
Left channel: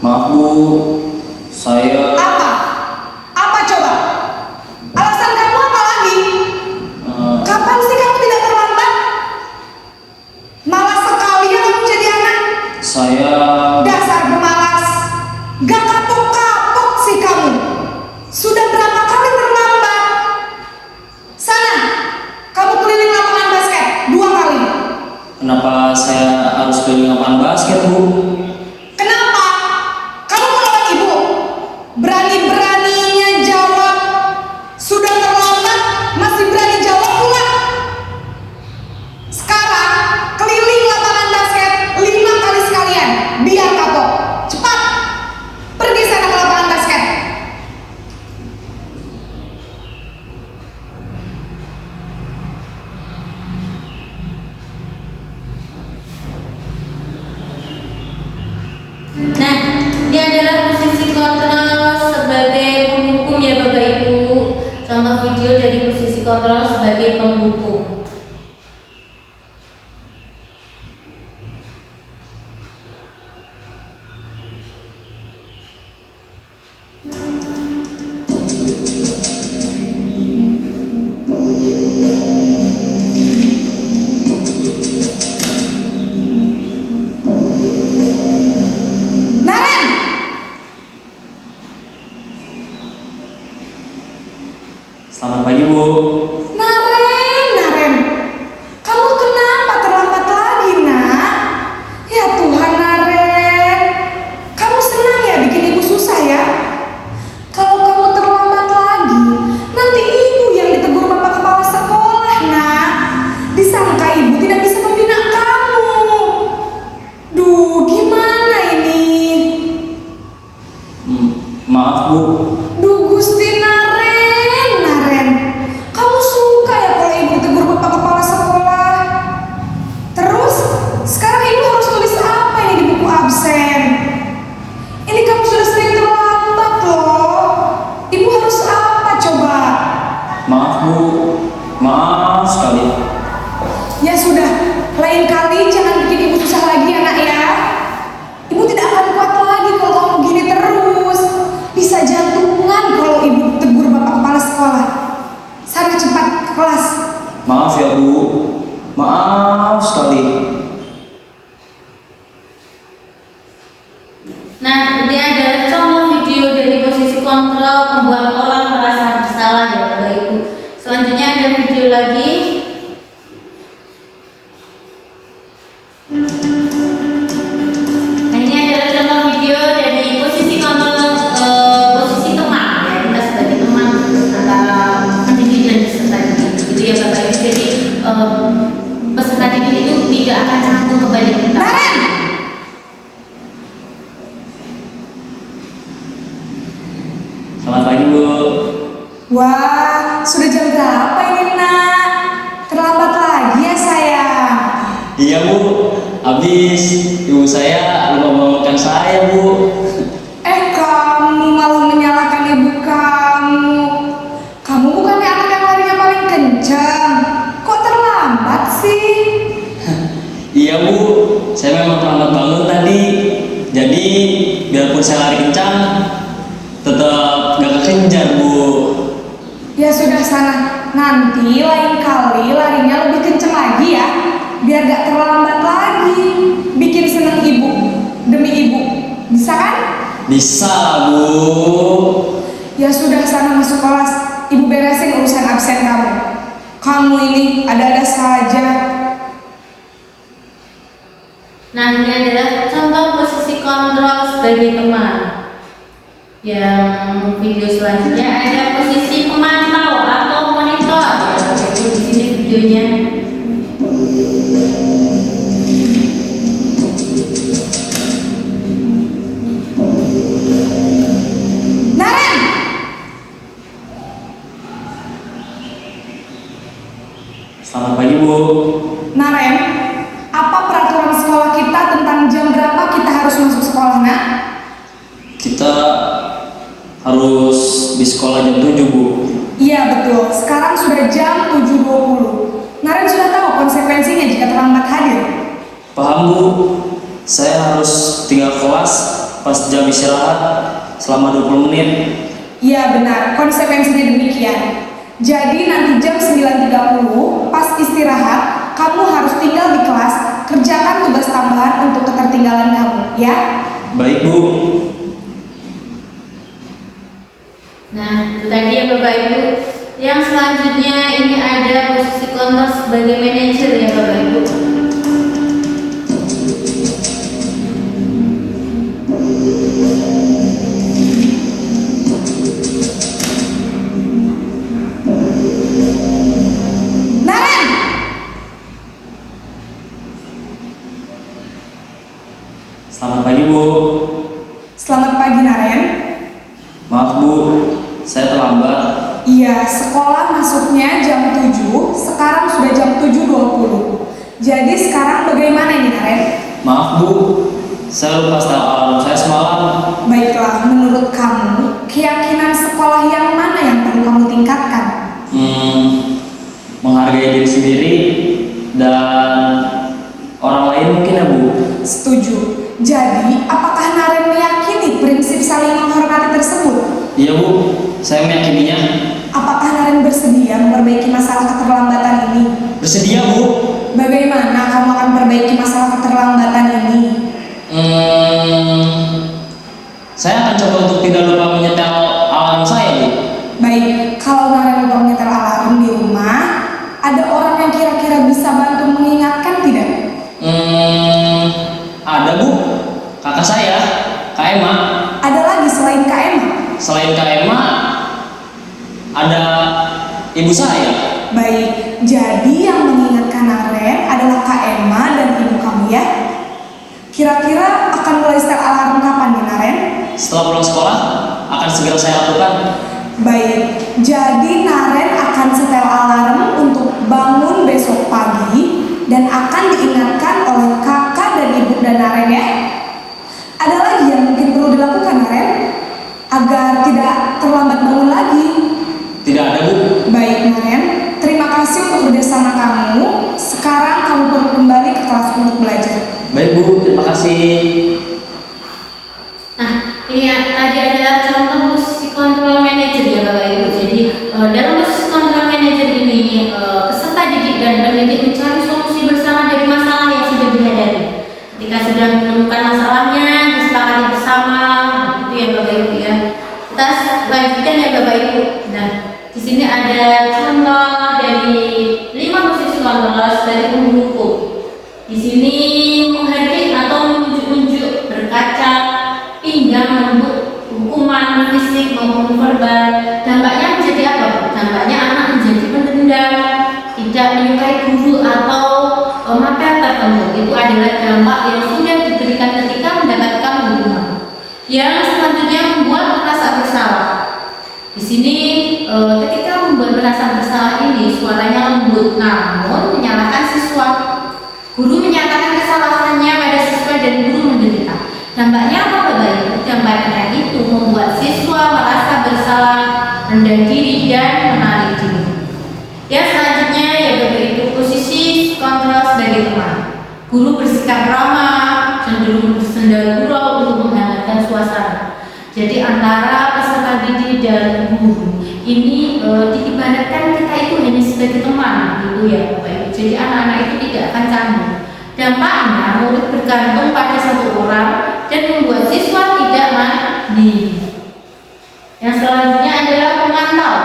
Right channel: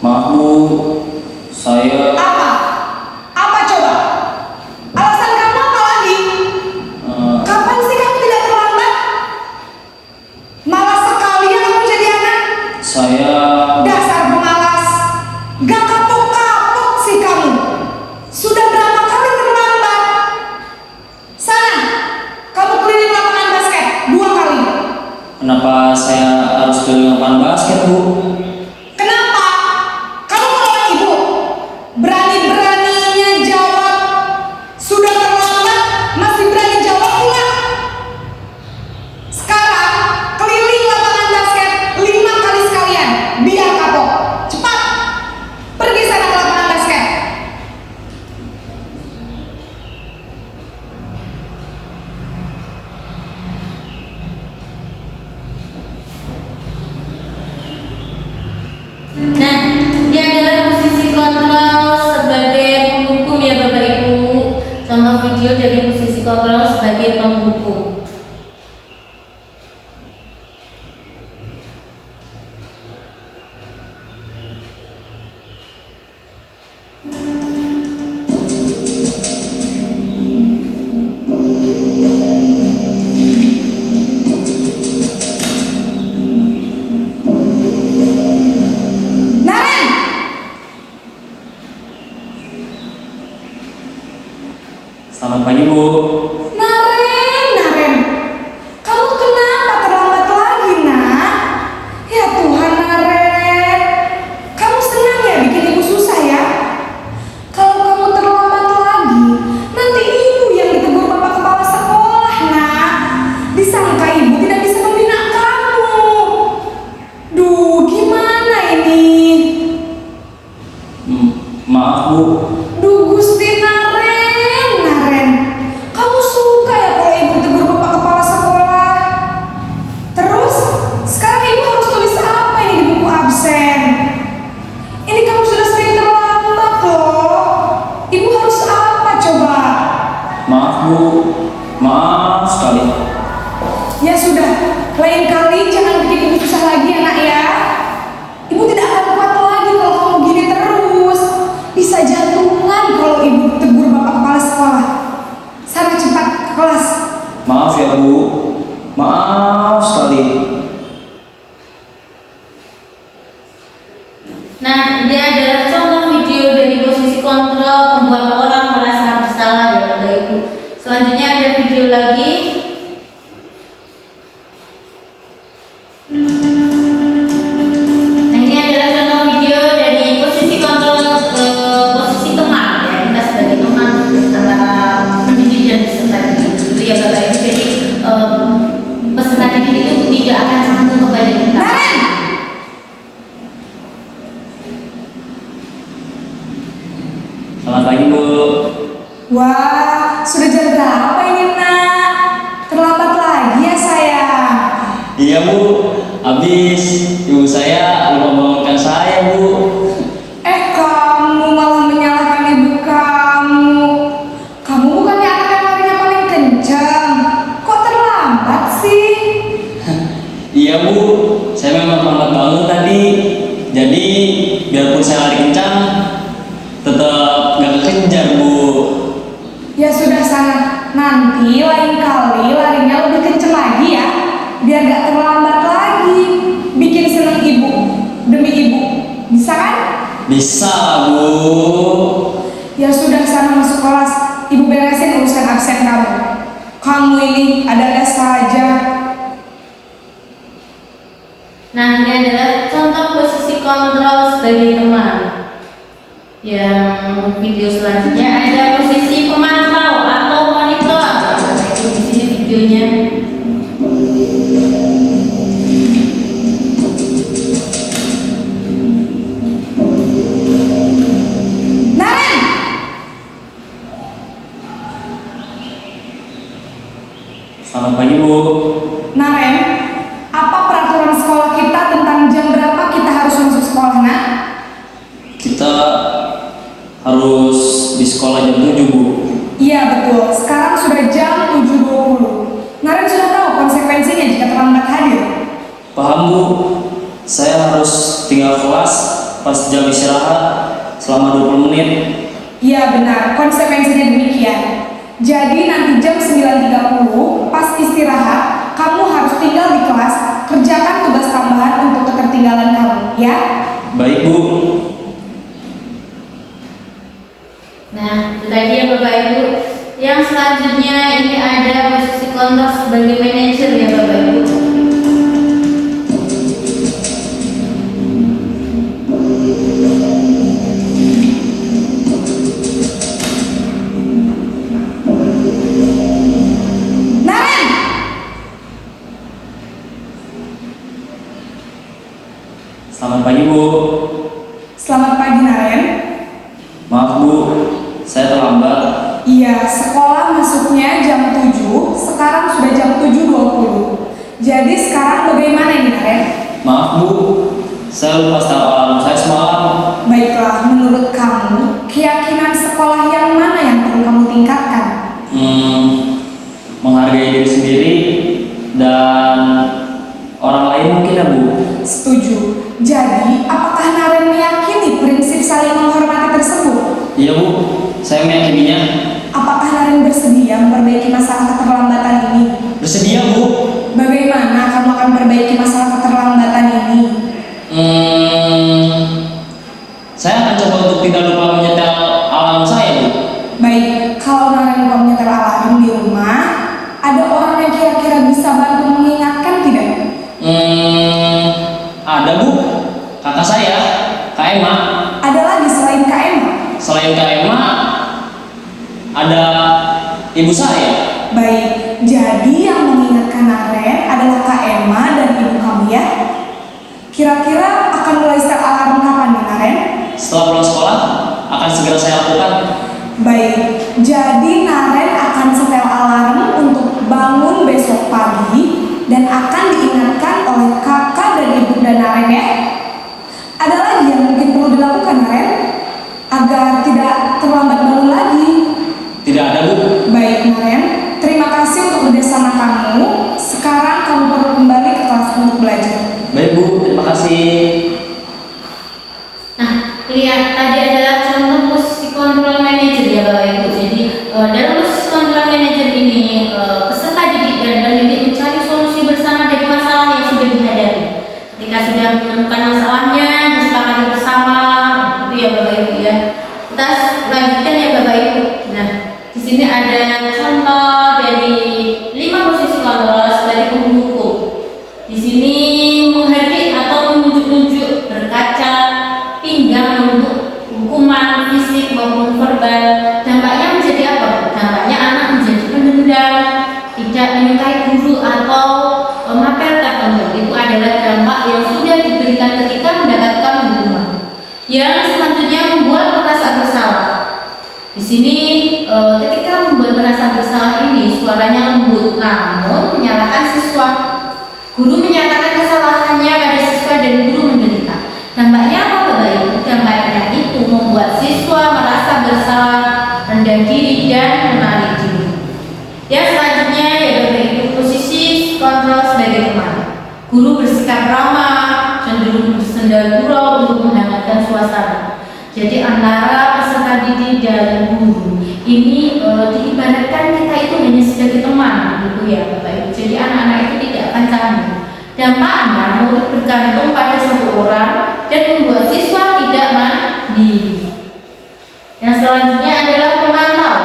Maaf, Bu. Saya Apa? Apa coba? Alasan kamu apa lagi? Kapan sih kamu tidak terlambat? Malas sekali ya kamu jadi anak. saya Dasar pemalas. Gak kapok-kapok sih kamu. Sudah berapa kali terlambat? Sana, kamu keliling lapangan basket 2 kali. kenapa saya harus keliling lapangan basket, Bu? Kenapa? Kamu melawan ibu? Berani-beraninya jawab. Sudah terlambat, masih berani jawab pula. Sekarang, keliling lapangan basket 5 kali sekalian. Biar kapok. Cepat. Pergi sana ke lapangan basket. Nah, ini adalah posisi kontrol sebagai penghukum ya Bapak Ibu. Contoh video dari posisi kontrol sebagai penghukum. Naren, Selamat pagi, Bu. Naren, kamu kenapa terlambat lagi, nak? Ya Tuhan, Naren, kamu senang ya bikin ibu susah ya? Kalau kamu terlambat lagi, nanti ibu yang ditegur bapak kepala sekolah, nak. Disangka ibu tidak bisa membina kamu. Duh, gimana ini? Maaf, Bu. Duh Gusti Naren, kamu suka ya kalau ibu ditegur bapak kepala sekolah? Terus, sekarang ibu harus tulis apa ini di buku absen? Ini kamu sudah sering terlambat loh. Ibu harus apa coba? Maaf, Bu. Maaf sekali. Ya sudah, lain kali jangan bikin ibu susah lagi ya nak ya. Ibu tidak akan kuat lagi kalau kamu gini terus. Bisa jantungan kalau ibu tegur bapak kepala sekolah. Sana cepat ke kelas. Maaf ya, Bu. Maaf sekali. Nah, ini adalah contoh video dari posisi kontrol membuat orang merasa bersalah ya Bapak Ibu. Selanjutnya ada video lagi. Nah, ini adalah contoh video dari posisi kontrol posisi teman ya, kita sebagai teman antara pendidik dan peserta didik. Itu ya Bapak Ibu. Jadi peserta didik itu tidak akan canggung kepada kita. Naren, Selamat pagi, Bu. wah sudah jam berapa ini nak? Terlambat lagi ya sayang. Iya, Bu. Habis ibu saya lupa bangunkan saya, Bu. Kamu malah menyalahkan ibu kamu. Kamu bukannya anak yang larinya paling kencang. Kok terlambat sih? Iya, Bu. Saya memang terlambat bangun tadi. Jadi biarpun saya lari kencang, tetap gak kekejar, Bu. Ya sudah sana. Nanti lain kali larinya lebih kenceng lagi ya. Biar gak terlambat lagi. Bikin seneng ibu. Demi ibu. Bisa kan? Bisa, Bu. Ya sudah sana masuk kelas. Ibu beresin urusan absen kamu. Kamu ini ada-ada saja. Nah, ini adalah contoh posisi kontrol sebagai teman. Yang video selanjutnya ada posisi pemantau atau monitor. Itu di sini videonya. Naren, Selamat pagi Bu. Naren, apa peraturan sekolah kita tentang jam berapa kita harus masuk sekolah, nak? Kita harus di sekolah jam 7 Bu. Iya betul, sekarang sudah jam 7.20. Naren sudah tahu konsekuensinya jika terlambat hadir. Paham Bu, saya harus tinggal kelas pas jam istirahat selama 20 menit. Iya benar, konsekuensinya demikian. Jadi nanti jam 9.30 pas istirahat, kamu harus tinggal di kelas, kerjakan tugas tambahan untuk ketertinggalan kamu, ya? Baik Bu. Nah, itu tadi ya Bapak Ibu. Yang selanjutnya ini ada posisi kontrol sebagai manajer ya Bapak Ibu. Naren, Selamat pagi Bu. selamat pagi Naren. Maaf Bu, saya terlambat. Iya, sekolah masuknya jam 7, sekarang sudah jam 7.20. Jadi sekarang bagaimana ini Naren? Maaf Bu, saya lupa setel alarm saya semalam. Baiklah, menurut kamu, keyakinan sekolah yang mana yang perlu kamu tingkatkan? Menghargai diri sendiri dan orang lain mungkin ya Bu. Setuju. Jadi, apakah Naren meyakini prinsip saling menghormati tersebut? Iya Bu, saya meyakininya. Apakah Naren bersedia memperbaiki masalah keterlambatan ini? Bersedia Bu. Bagaimana kamu akan perbaiki masalah keterlambatan ini? Saya akan coba untuk tidak lupa menyetel alarm saya Bu. Baik, kalau Naren lupa menyetel alarm di rumah, ada orang yang kira-kira bisa bantu mengingatkan tidak? Ada Bu, kakak saya, Kak Emma. Ada lagi selain Kak Emma? Selain Kak Emma, ada ibu saya. Baik, jadi yang mengingatkan Naren adalah Kak Emma dan ibu kamu ya? Kira-kira akan mulai setel alarm kapan nih Naren? Setelah pulang sekolah, akan segera saya lakukan. Baik, jadi Naren akan setel alarm untuk bangun besok pagi dan akan diingatkan oleh kakak dan ibu dan Naren ya. Ada lagi yang mungkin perlu dilakukan Naren agar tidak terlambat bangun lagi? Tidak ada Bu. Baik Naren, terima kasih untuk kerjasama kamu. Sekarang kamu perlu kembali ke kelas untuk belajar. Baik Bu, terima kasih. Nah, ini ya, tadi adalah contoh posisi kontrol manajer ya Bapak Ibu. Jadi dalam posisi kontrol manajer ini peserta didik dan pendidik mencari solusi bersama dari masalah yang sudah dihadapi. Ketika sudah menemukan masalahnya, disepakati bersama, itu ya Bapak Ibu ya. Kita lanjutkan ya Bapak Ibu. Nah, di sini ada contoh dari 5 posisi kontrol sebagai penghukum. Di sini menghardik atau menunjuk-nunjuk, berkaca, pinggang untuk hukuman fisik maupun verbal. Dampaknya menjadi apa? Dampaknya anak menjadi pendendam, tidak menyukai guru atau mapel tertentu. Itu adalah dampak yang sudah diberikan ketika mendapatkan hukuman. Yang selanjutnya membuat merasa bersalah. Di sini ketika membuat merasa bersalah ini suaranya lembut, namun menyalahkan siswa. Guru menyatakan kesalahannya pada siswa dan guru menderita. Dampaknya apa Bapak Ibu? Dampaknya itu membuat siswa merasa bersalah, rendah diri dan menarik diri. Ya selanjutnya ya Bapak Ibu, posisi kontrol sebagai teman. Guru bersikap ramah, cenderung bersenda gurau untuk menghangatkan suasana. Jadi antara peserta didik dan guru ini diibaratkan kita itu hanya sebagai teman gitu ya Bapak Ibu. Jadi anak-anak itu tidak akan canggung. Dampaknya murid bergantung pada satu orang dan membuat siswa tidak mandiri. Yang selanjutnya adalah pemantau.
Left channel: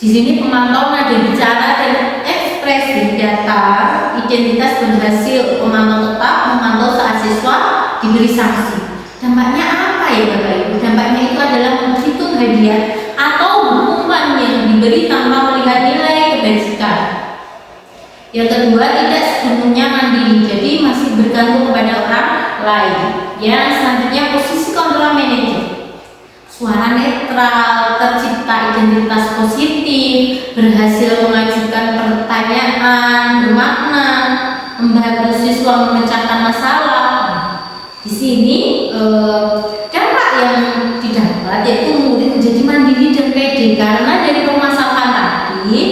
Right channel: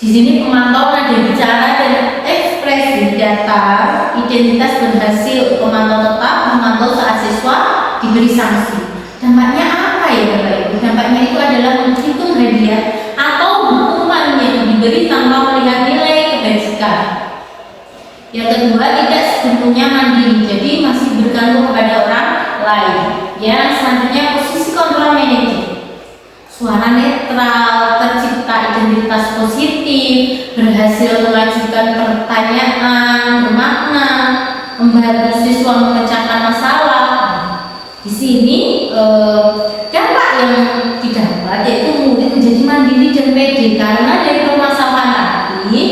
Di sini pemantau ada bicara dan ekspresi datar, tidak identitas berhasil pemantau tetap, memantau saat siswa diberi sanksi. Dampaknya apa ya Bapak Ibu? Dampaknya itu adalah menghitung hadiah atau hukuman yang diberi tanpa melihat nilai kebajikan. Yang kedua, tidak sepenuhnya mandiri, jadi masih bergantung kepada orang lain. Yang selanjutnya, posisi kontrol manajer. Suara netral, tercipta identitas positif, berhasil mengajukan pertanyaan bermakna, membantu siswa memecahkan masalah. Di sini dampak yang didapat yaitu murid menjadi mandiri dan pede karena dari permasalahan tadi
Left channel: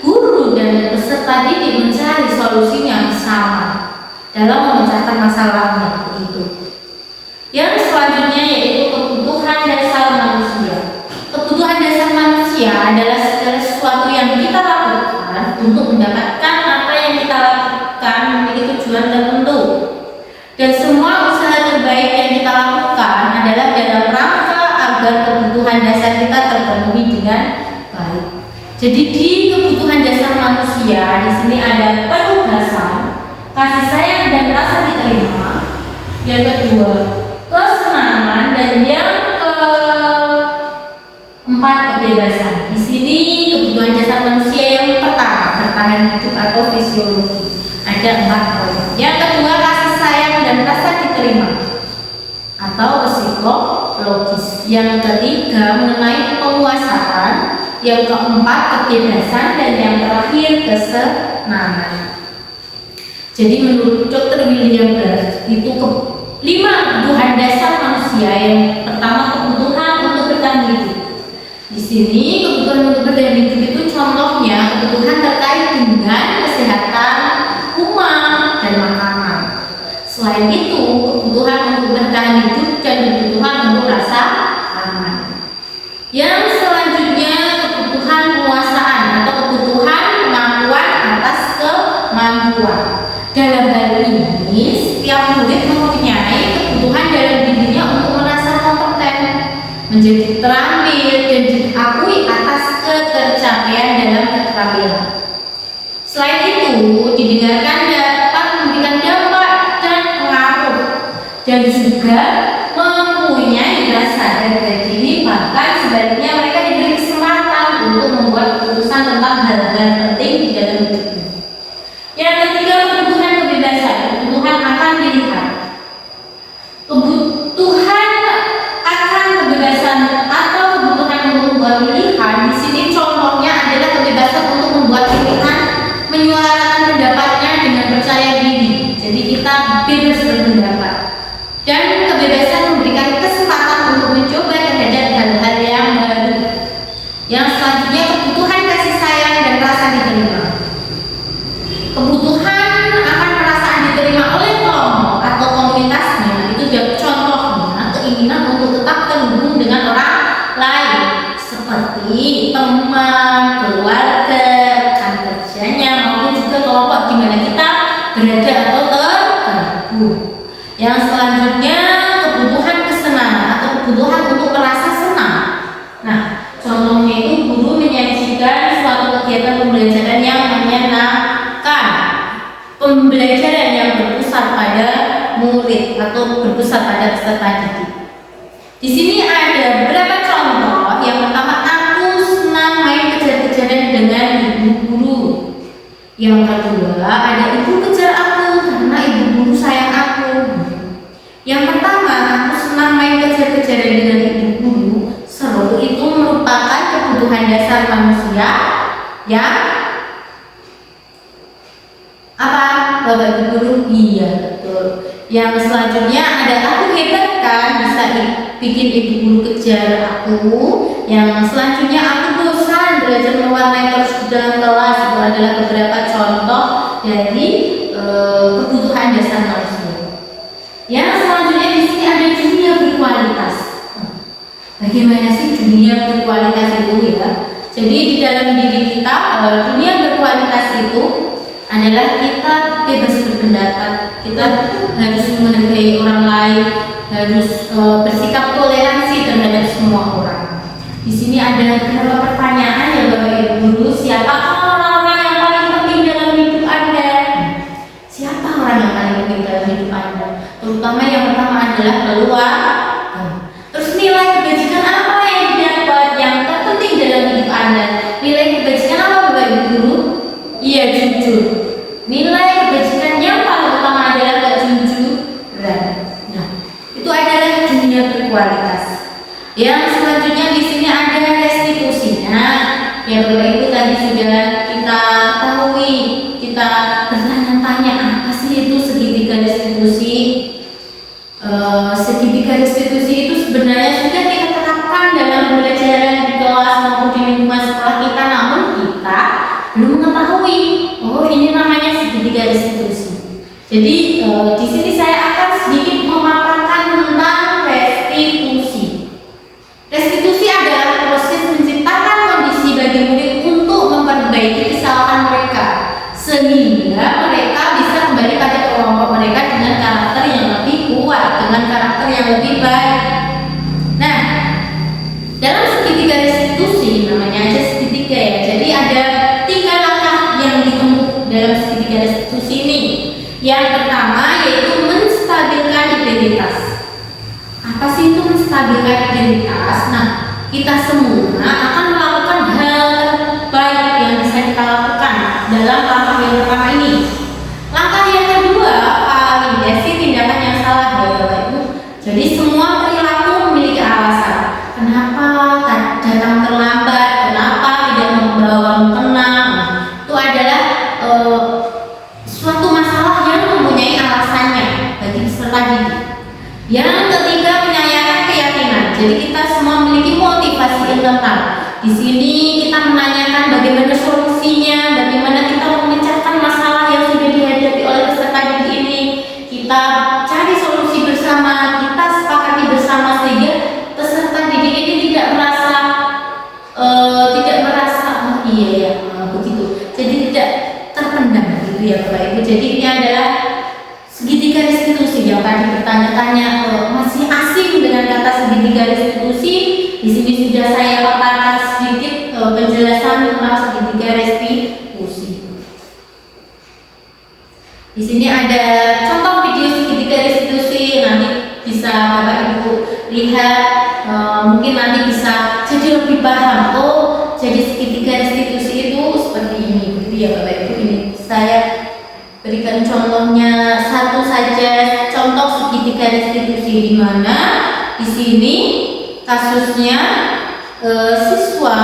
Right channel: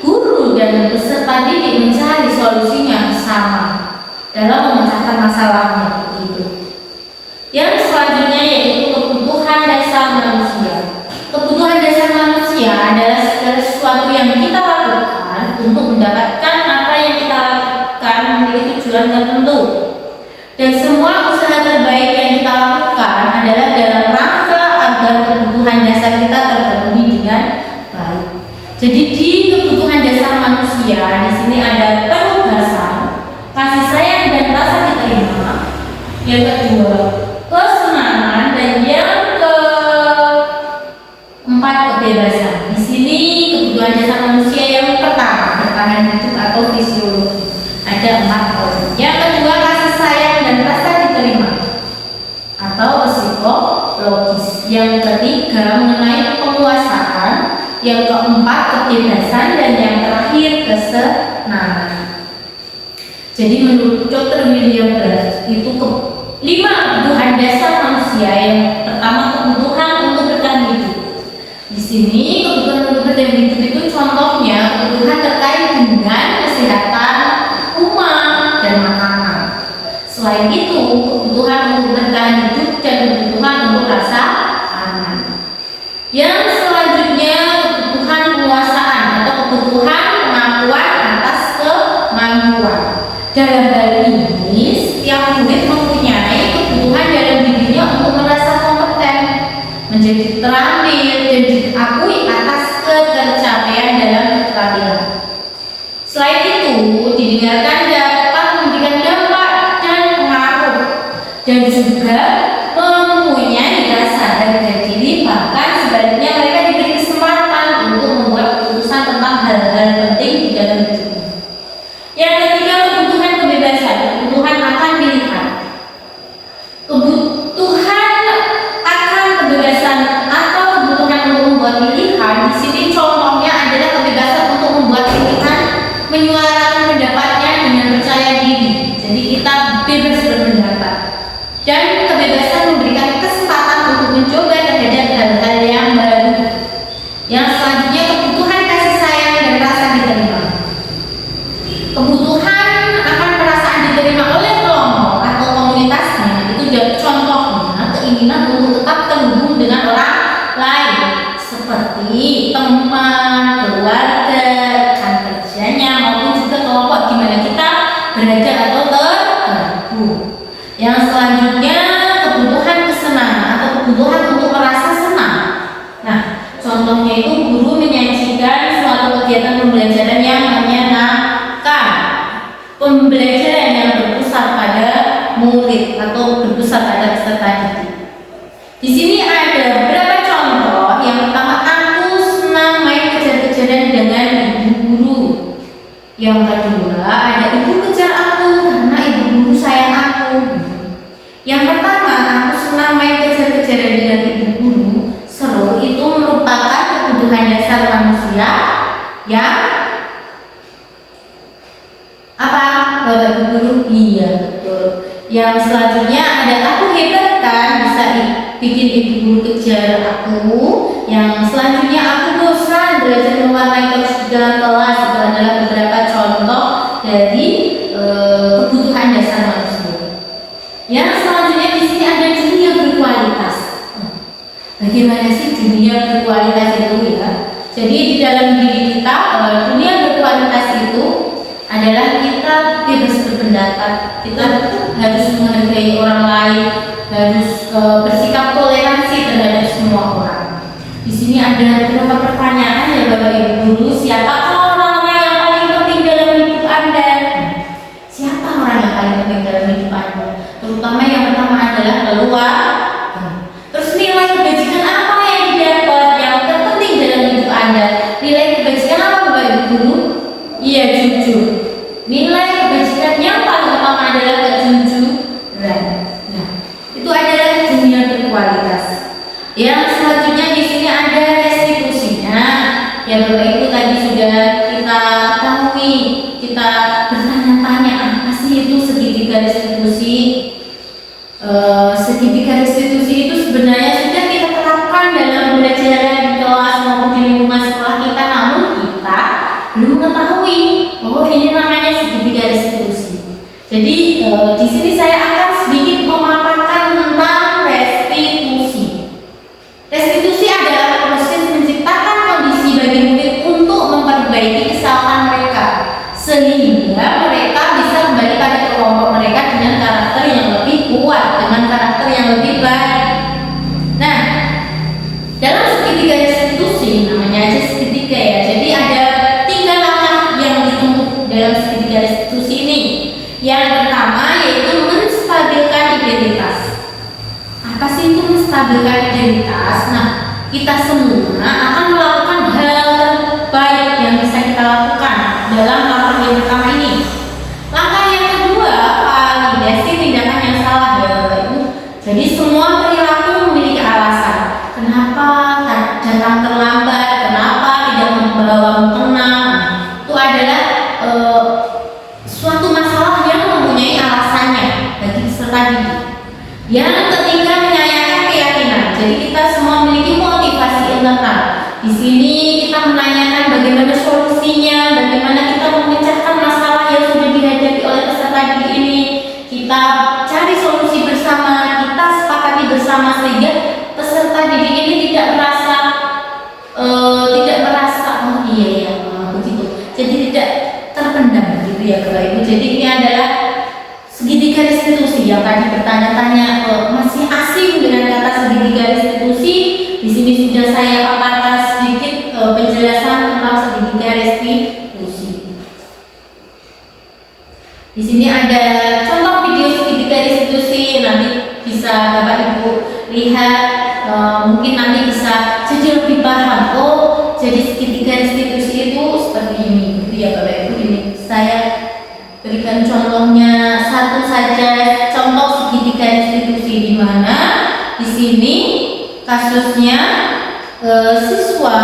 guru dan peserta didik mencari solusinya bersama dalam memecahkan masalahnya itu. Yang selanjutnya yaitu kebutuhan dasar manusia. Kebutuhan dasar manusia adalah segala sesuatu yang kita lakukan untuk mendapatkan apa yang kita lakukan memiliki tujuan tertentu. Dan semua usaha terbaik yang kita lakukan adalah dalam rangka agar kebutuhan dasar kita terpenuhi dengan baik. Jadi di kebutuhan dasar manusia di sini ada penugasan, kasih sayang dan rasa diterima. Yang kedua, kesenangan, dan yang keempat, kebebasan. Di sini kebutuhan dasar manusia yang pertama, bertahan hidup atau fisiologi. Ada 4 poin. Yang kedua, kasih sayang dan rasa diterima atau psikologis. Yang ketiga, mengenai penguasaan. Yang keempat, kebebasan, dan yang terakhir, kesenangan. Jadi menurut Dr. William Blass itu 5 kebutuhan dasar manusia. Yang pertama, kebutuhan untuk bertahan hidup. Di sini kebutuhan untuk bertahan hidup itu contohnya kebutuhan terkait dengan kesehatan, rumah, dan makanan. Selain itu, kebutuhan untuk bertahan hidup dan kebutuhan untuk rasa aman. Yang selanjutnya, kebutuhan penguasaan atau kebutuhan pengakuan atas kemampuan. Dalam hal ini, setiap murid mempunyai kebutuhan dalam dirinya untuk merasa kompeten, menjadi terampil, dan diakui atas ketercapaian dalam keterampilan. Selain itu, didengarkan dapat memberikan dampak dan pengaruh, dan juga mempunyai rasa harga diri, bahkan sebaliknya mereka diberi kesempatan untuk membuat keputusan tentang hal-hal penting di dalam hidupnya. Yang ketiga, kebutuhan kebebasan, kebutuhan akan pilihan. Kebutuhan akan kebebasan atau kebutuhan untuk membuat pilihan di sini contohnya adalah kebebasan untuk membuat pilihan, menyuarakan pendapatnya dengan percaya diri. Jadi kita bebas berpendapat. Dan kebebasan memberikan kesempatan untuk mencoba terhadap hal-hal yang baru. Yang selanjutnya, kebutuhan kasih sayang dan rasa diterima. Kebutuhan akan perasaan diterima oleh kelompok atau komunitasnya itu jadi contohnya keinginan untuk tetap terhubung dengan orang lain seperti teman, keluarga, rekan kerjanya, maupun juga kelompok di mana kita berada atau tergabung. Yang selanjutnya, kebutuhan kesenangan atau kebutuhan untuk merasa senang. Nah, contohnya itu guru menyajikan suatu kegiatan pembelajaran yang menyenangkan, pembelajaran yang berpusat pada murid atau berpusat pada peserta didik. Di sini ada beberapa contoh. Yang pertama, aku senang main kejar-kejaran dengan ibu guru. Yang kedua, ada ibu kejar aku karena ibu guru sayang aku. Yang pertama, aku senang main kejar-kejaran dengan ibu guru. Seru itu merupakan kebutuhan dasar manusia yang apa? Bapak guru? Iya, betul. Yang selanjutnya ada aku hebat kan, bisa bikin ibu guru kejar aku. Yang selanjutnya, aku bosan belajar mewarnai terus di dalam kelas. Itu adalah beberapa contoh dari kebutuhan dasar manusia. Yang selanjutnya di sini ada dunia berkualitas. Bagaimana sih dunia berkualitas itu ya? Jadi di dalam diri kita, dunia berkualitas itu adalah kita bebas berpendapat, kita harus menghargai orang lain, harus bersikap toleransi terhadap semua orang. Di sini ada beberapa pertanyaan ya Bapak Ibu Guru, siapa orang-orang yang paling penting dalam hidup Anda? keluar. Terus nilai kebajikan apa yang didapat yang terpenting dalam hidup Anda? Nilai kebajikan apa Bapak Ibu Guru? Iya, jujur. Nilai kebajikan yang paling utama adalah kejujuran. Nah, itu adalah dunia berkualitas. Yang selanjutnya di sini ada restitusinya. Ya Bapak Ibu tadi sudah kita ketahui, kita bertanya-tanya apa sih itu segitiga restitusi. Segitiga restitusi itu sebenarnya sudah kita terapkan dalam pembelajaran di kelas maupun di lingkungan sekolah kita, namun kita belum mengetahui oh ini namanya segitiga restitusi. Jadi di sini saya akan sedikit memaparkan tentang restitusi. Restitusi adalah proses menciptakan kondisi bagi murid untuk memperbaiki kesalahan mereka sehingga mereka bisa kembali pada kelompok mereka dengan karakter yang lebih kuat, dengan karakter yang lebih baik. Nah, dalam segitiga restitusi, namanya aja segitiga ya, jadi ada 3 langkah yang ditempuh dalam segitiga restitusi ini. Yang pertama yaitu menstabilkan identitas. Apa sih itu menstabilkan identitas? Nah, kita semua akan melakukan hal terbaik yang bisa kita lakukan dalam langkah yang pertama ini. Langkah yang kedua, validasi tindakan yang salah ya Bapak Ibu. Jadi semua perilaku memiliki alasan. Kenapa datang terlambat? Kenapa tidak membawa mukena? Itu adalah suatu masalah yang mempunyai alasannya bagi peserta didik. Yang ketiga, menyayangkan keyakinan. Jadi kita semua memiliki motivasi internal. Di sini kita menanyakan bagaimana solusinya, bagaimana kita memecahkan masalah yang sudah dihadapi oleh peserta didik ini. Kita cari solusi bersama, kita sepakati bersama sehingga peserta didik ini tidak merasa oh iya ya begitu. Jadi tidak terpendam gitu ya Bapak Ibu. Jadi ini adalah segitiga restitusi yang tadi bertanya-tanya masih asing dengan kata segitiga restitusi. Di sini sudah saya paparkan sedikit penjelasan tentang segitiga restitusi. Di sini ada contoh video segitiga restitusi, nanti bisa Bapak Ibu lihat, mungkin nanti bisa jadi lebih paham. Oh, jadi segitiga restitusi itu seperti ini, gitu ya Bapak Ibu. Ini saya berikan contohnya satu saja, contoh segitiga restitusi di mana di sini kasusnya siswa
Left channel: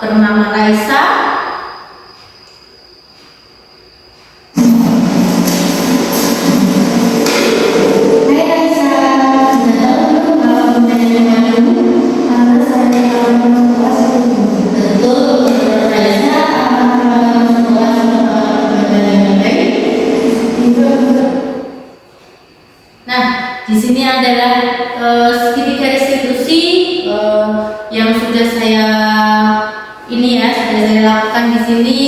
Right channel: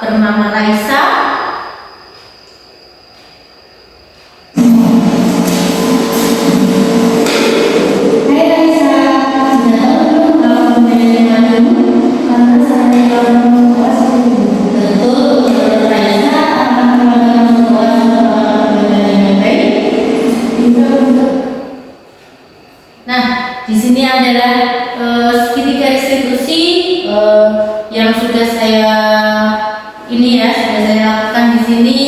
bernama Raisa. Hai Raisa, sudah tahu belum kalau menjadi malu? Karena saya orang tua sendiri. Tentu Raisa akan melakukan semua dengan baik. Nah, di sini adalah segitiga restitusi yang sudah saya lakukan di sini.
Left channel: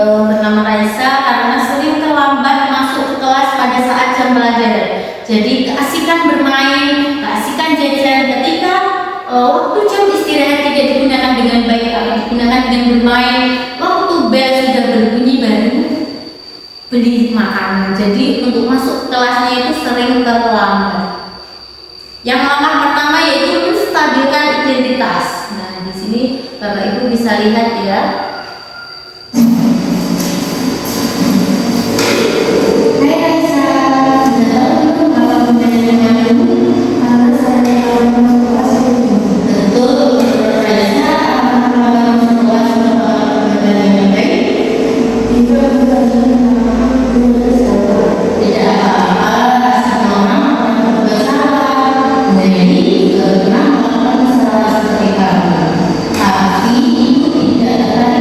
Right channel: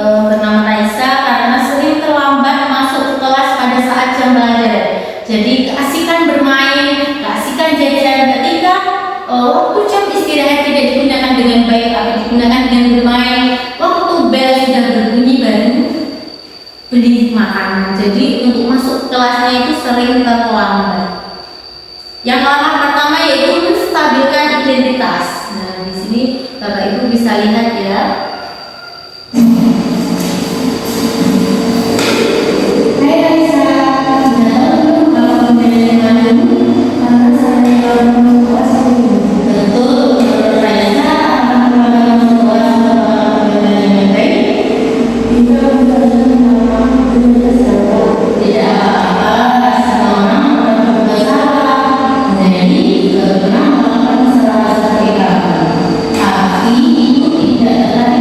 Bernama Raisa karena sering terlambat masuk ke kelas pada saat jam pelajaran. Jadi keasikan bermain, keasikan jajan ketika waktu jam istirahat tidak digunakan dengan baik, tapi digunakan dengan bermain. Waktu bel sudah berbunyi baru beli makanan. Jadi untuk masuk ke kelasnya itu sering terlambat. Yang langkah pertama yaitu menstabilkan identitas. Nah, di sini Bapak Ibu bisa lihat ya. Hai Raisa, sudah tahu belum kalau menjadi malu? Karena saya orang tua sendiri. Tentu Raisa akan melakukan semua dengan baik. Tidak apa-apa, semua orang melakukan kesalahan. Jadi pernah melakukan kesalahan seperti kamu. Tapi itu tidak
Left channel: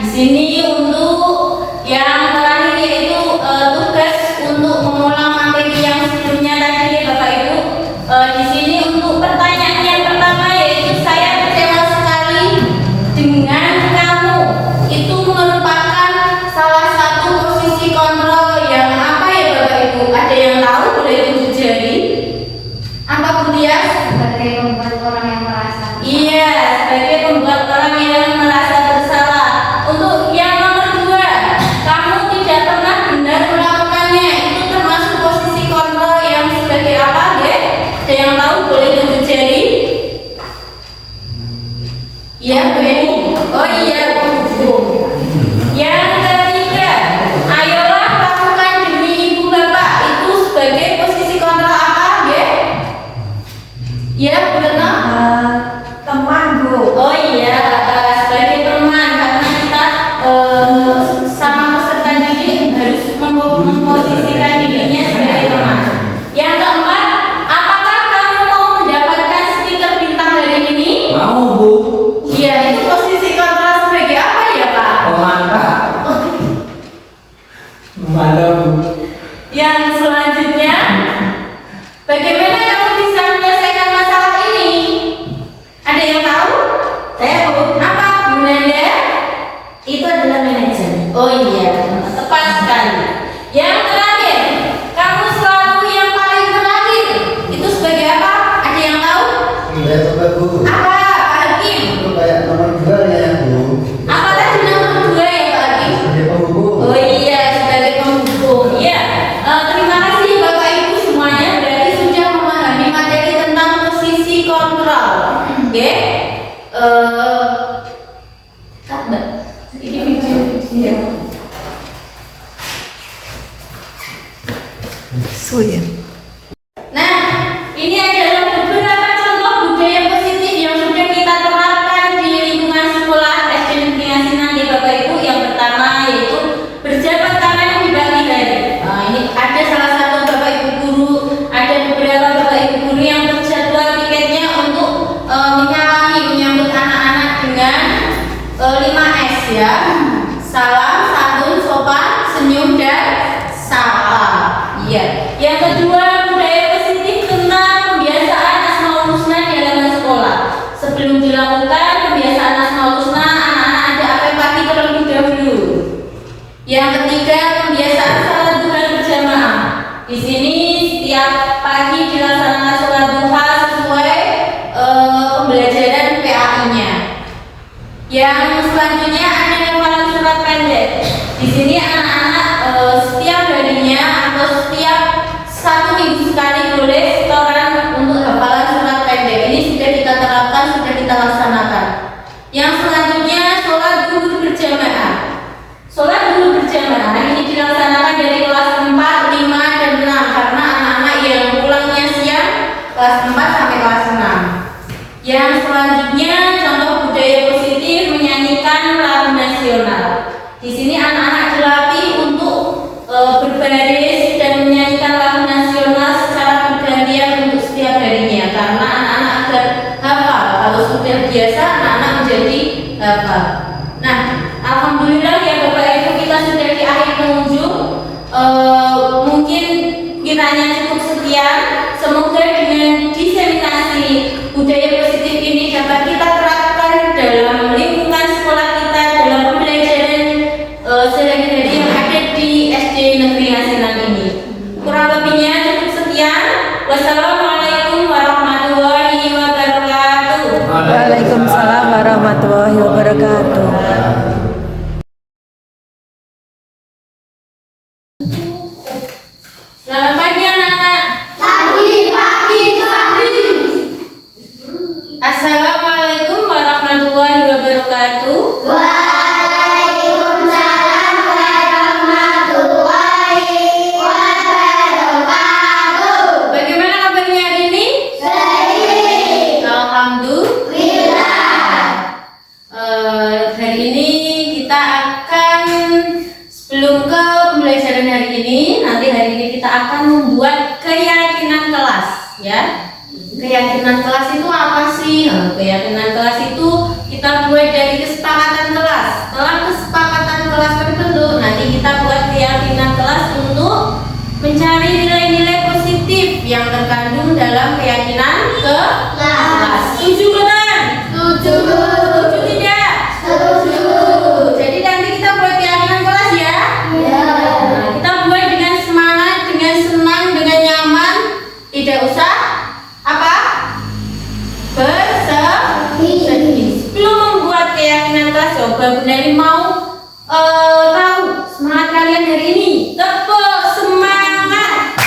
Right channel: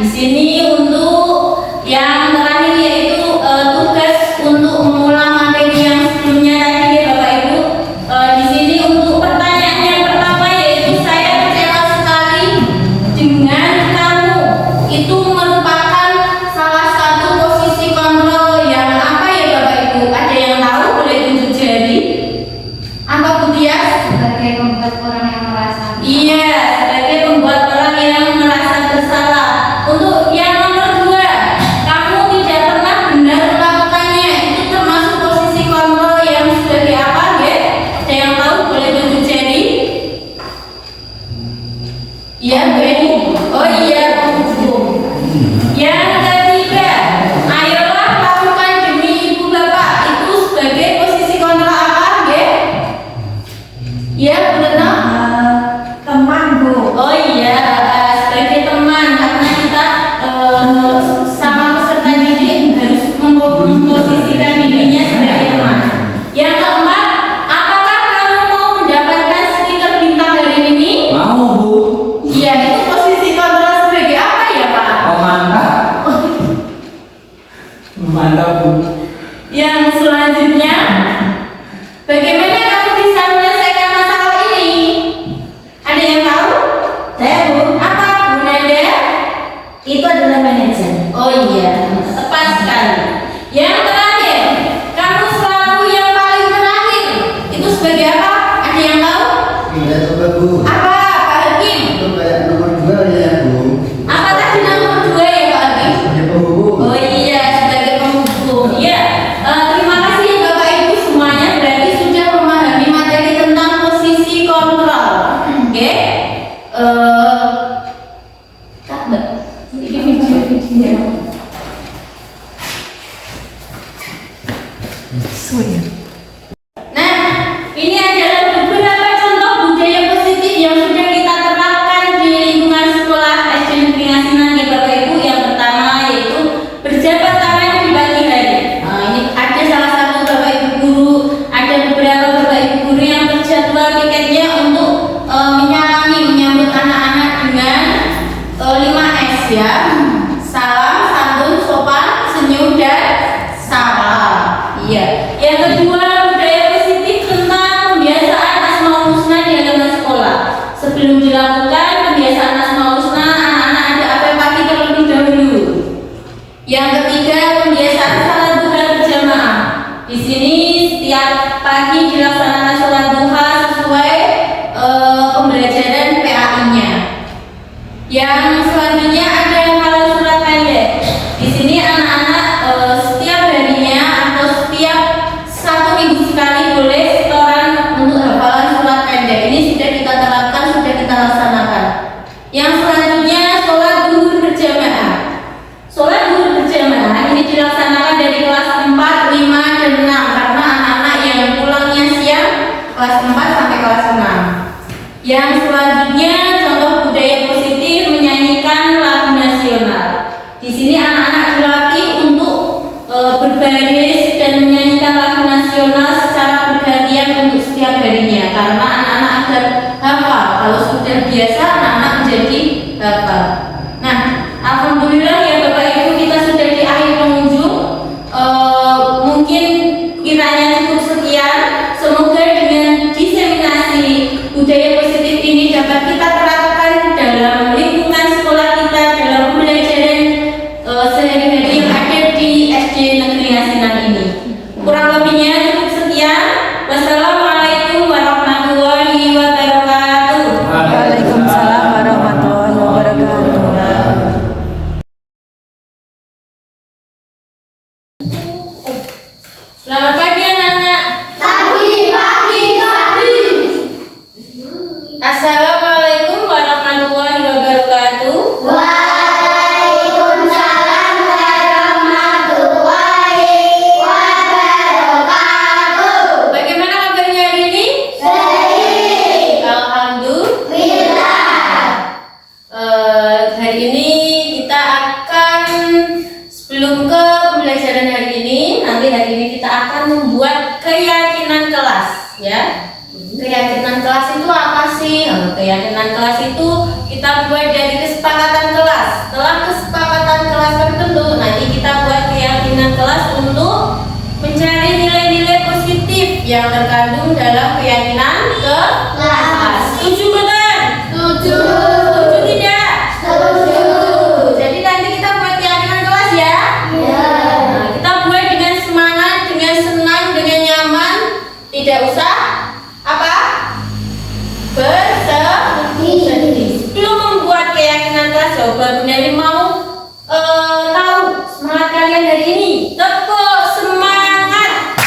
di sini untuk yang terakhir yaitu tugas untuk mengulang materi yang sebelumnya tadi ya Bapak Ibu. Di sini untuk pertanyaan yang pertama yaitu saya kecewa sekali dengan kamu. Itu merupakan salah satu posisi kontrol yang apa ya Bapak Ibu? Ada yang tahu boleh tunjuk jari? Apa Bu Tias? Sebagai pembuat orang yang merasa Iya, sebagai pembuat orang yang merasa bersalah. Untuk yang nomor 2, kamu tidak pernah benar melakukannya. Itu termasuk posisi kontrol yang sebagai apa, ya? Ada yang tahu boleh tunjuk jari? Iya, boleh. Oh iya, yang ketiga, ayolah lakukan demi ibu bapak. Itu sebagai posisi kontrol apa, ya? Ya, Bu Retno? Teman Bu. Oh iya, sebagai teman karena kita sama peserta didik harus memposisikan dirinya sebagai teman. Yang keempat, apakah kamu mau mendapatkan stiker bintang hari ini? Mau Bu, Iya, itu posisi kontrol sebagai apa ya Pak? pemantau. Memantau Bu. Yang selanjutnya, bagaimana kamu bisa menyelesaikan masalah ini? Ada yang tahu? Saya Bu. Apa Bu Nanda? Itu adalah manajer. Oh iya, tepat sekali. Yang terakhir, kamu selalu yang paling terakhir. Itu sebagai apa? Ada yang tahu? Ya coba Bu, Apa, Pak Hakim? itu kayak nomor 2 ya Bu. Apa tadi nomor 2 ya Pak Hakim? Sebagai penghubung. Oh iya, sebagai penghubung. Ya, terima kasih Bapak Ibu semuanya. Berarti sudah memahami materi tentang posisi kontrol. Oke? Kak, Mbak. Suya. Nah, ini adalah beberapa contoh budaya positif yang sudah kita terapkan di lingkungan sekolah SD Negeri Ngasinan ya Bapak Ibu. Yang pertama yaitu berjabat tangan di pagi hari. Ini ada salah satu Bapak Ibu guru, ada beberapa Bapak Ibu guru yang terjadwal tiketnya untuk menyambut anak-anak dengan 5S ya. Salam, santun, sopan, senyum, dan sapa. Iya. Yang kedua, budaya positif tentang pembiasaan asmaul husna di halaman sekolah. Sebelum dilakukan pembiasaan asmaul husna, anak-anak ada apel-pati terlebih dahulu. Yang ketiga, pembiasaan salat duha berjamaah. Di sini setiap pagi dilaksanakan salat duha sesuai pembelajaran PAI-nya. Yang selanjutnya ada yang hafalan surat pendek. Di sini anak-anak setiap harinya atau setiap 1 minggu sekali boleh setoran untuk hafalan surat pendek. Ini sudah kita terapkan, sudah kita laksanakan. Yang selanjutnya sholat zuhur berjamaah. Sholat zuhur berjamaah ini dilaksanakan dari kelas 4, 5, dan 6 karena anak-anak yang pulangnya siang kelas 4 sampai kelas 6. Yang selanjutnya contoh budaya positif menyanyikan lagu nasional. Di sini anak-anak dilatih untuk berbaris dan menyanyikan lagu nasional secara bergantian untuk setiap harinya karena anak-anak agar hafal. Kalau sudah biasa anak-anak menjadi hafal. Nah, alhamdulillah ya Bapak Ibu kita sudah di akhir pengunjung. Mungkin kiranya cukup sekian. Semoga dengan diseminasi budaya positif ini dapat kita terapkan dalam lingkungan sekolah kita dalam pembelajaran sehari-hari yang ada di SD Negeri Ngasinan ini. Kurang lebihnya cukup sekian. Wassalamualaikum warahmatullahi wabarakatuh. Waalaikumsalam warahmatullahi wabarakatuh. Selamat pagi anak-anak. Assalamualaikum warahmatullahi wabarakatuh. Bagaimana kabarnya hari ini? Alhamdulillah. Hari ini kita akan sebelum ke pembelajaran hari ini, nanti hari ini kita akan membuat keyakinan kelas, ya. Keyakinan kelas itu apa sih? Keyakinan kelas itu kita buat dari kesepakatan kelas. Setelah kesepakatan Coba Bu Neli mau tahu semangat kalian hari ini. Tepuk semangat.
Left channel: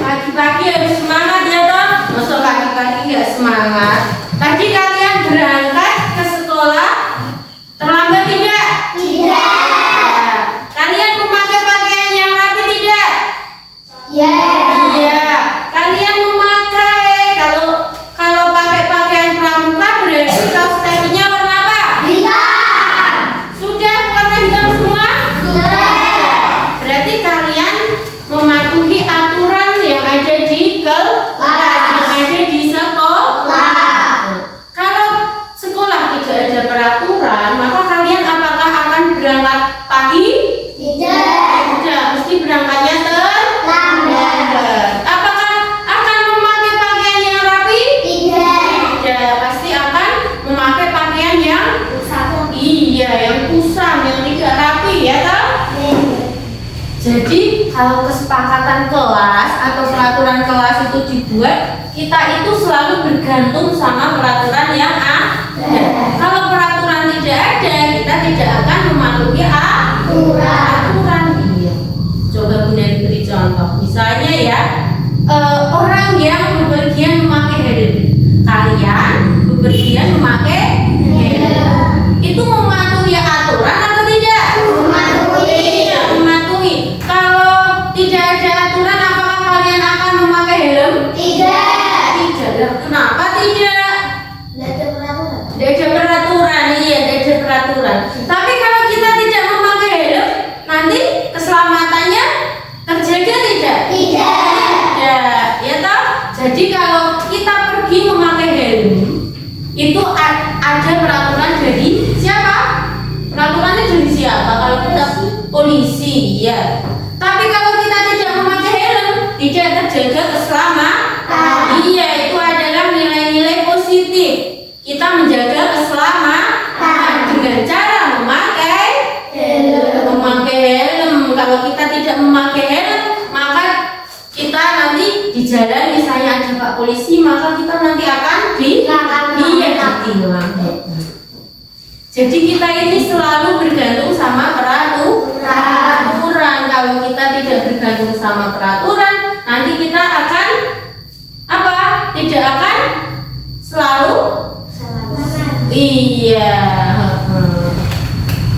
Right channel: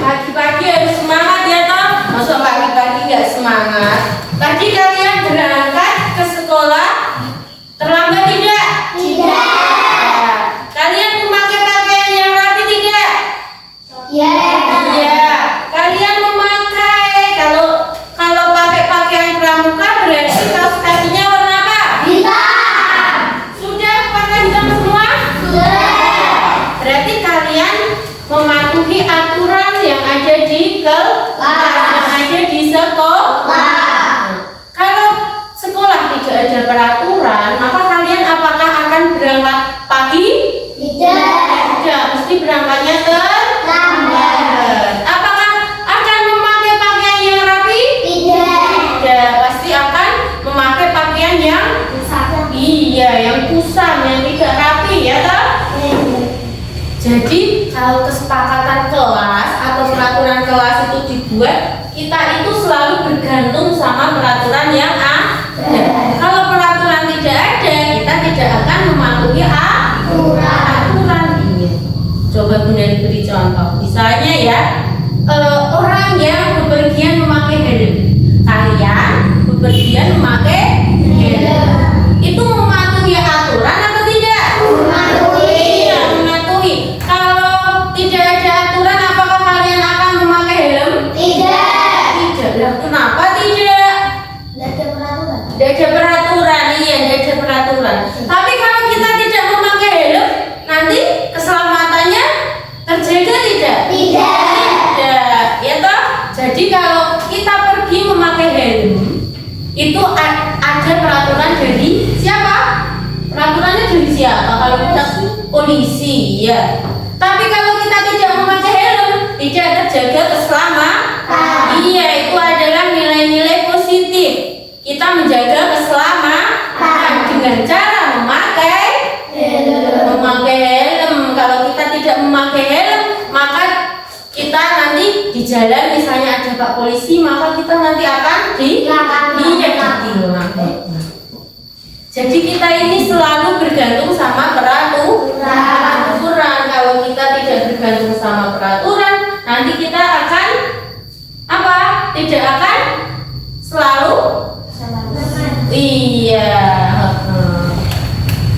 Pagi-pagi harus semangat ya toh. Masa pagi-pagi nggak semangat? Tadi kalian berangkat ke sekolah terlambat tidak? Tidak. Kalian memakai pakaian yang rapi tidak? Iya. Kalian memakai kalau pakai pakaian pramuka berarti kaos kakinya warna apa? Sudah warna hitam semua? Berarti kalian mematuhi aturan yang ada di kelas, yang ada di sekolah. Kalau sekolah tidak ada peraturan, maka kalian apakah akan berangkat pagi? Tidak, mesti berangkatnya terlambat. Apakah akan memakai pakaian yang rapi? Tidak, pasti akan memakai pakaian yang kusam, yang tidak rapi, ya toh? Jadi kalau kesepakatan kelas atau peraturan kelas itu dibuat, kita itu selalu bergantung sama peraturan yang ada. Kalau peraturan tidak ada, kita tidak akan mematuhi aturan. Iya. Coba Bu Neli beri contoh. Misalnya ya, orang yang bepergian memakai helm. Kalian bepergian memakai helm. Itu mematuhi aturan atau tidak? Iya, mematuhi. Kalau tidak ada aturan, apakah kalian akan memakai helm? Tidak. Kenapa tidak? Tidak ada peraturan. Iya, tidak ada peraturan. Tapi kalau kita tidak memakai helm, nanti keselamatannya terjaga tidak? Tidak. Ya toh? Jadi kalau kita pergi memakai helm, itu ada peraturan dari siapa? Peraturannya dari siapa? Kalau kita polisi, ya. Tapi kalau kita tidak memakai helm, tidak terjaga keselamatan. Iya, itu adalah nilai-nilai positif. Kita menjaga keselamatan dengan cara memakai helm. Kalau kita tidak memakai helm, maka kita nanti di jalan misalnya ada Pak Polisi, maka kita nanti akan ditilang. Jadi kita ini selalu bergantung sama peraturan. Kalau kita tidak bergantung sama peraturan, nanti kita akan apa? Tidak akan selalu iya.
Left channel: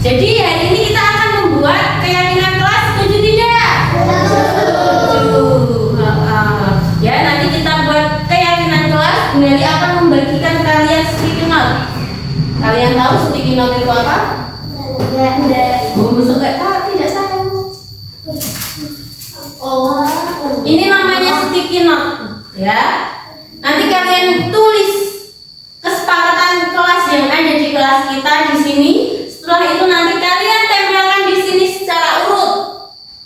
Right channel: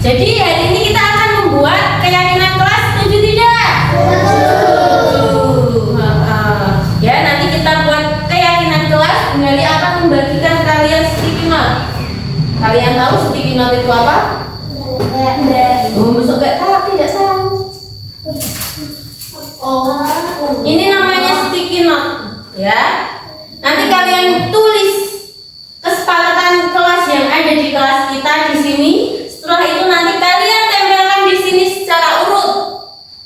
Jadi hari ini kita akan membuat keyakinan kelas, setuju tidak? Ya, nanti kita buat keyakinan kelas. Bu Neli akan membagikan kalian sticky note. Kalian tahu sticky note itu apa? Masuk gak tahu, tidak tahu. Ini namanya sticky note, ya. Nanti kalian tulis kesepakatan kelas yang ada di kelas kita di sini. Setelah itu nanti kalian tempelkan di sini secara urut.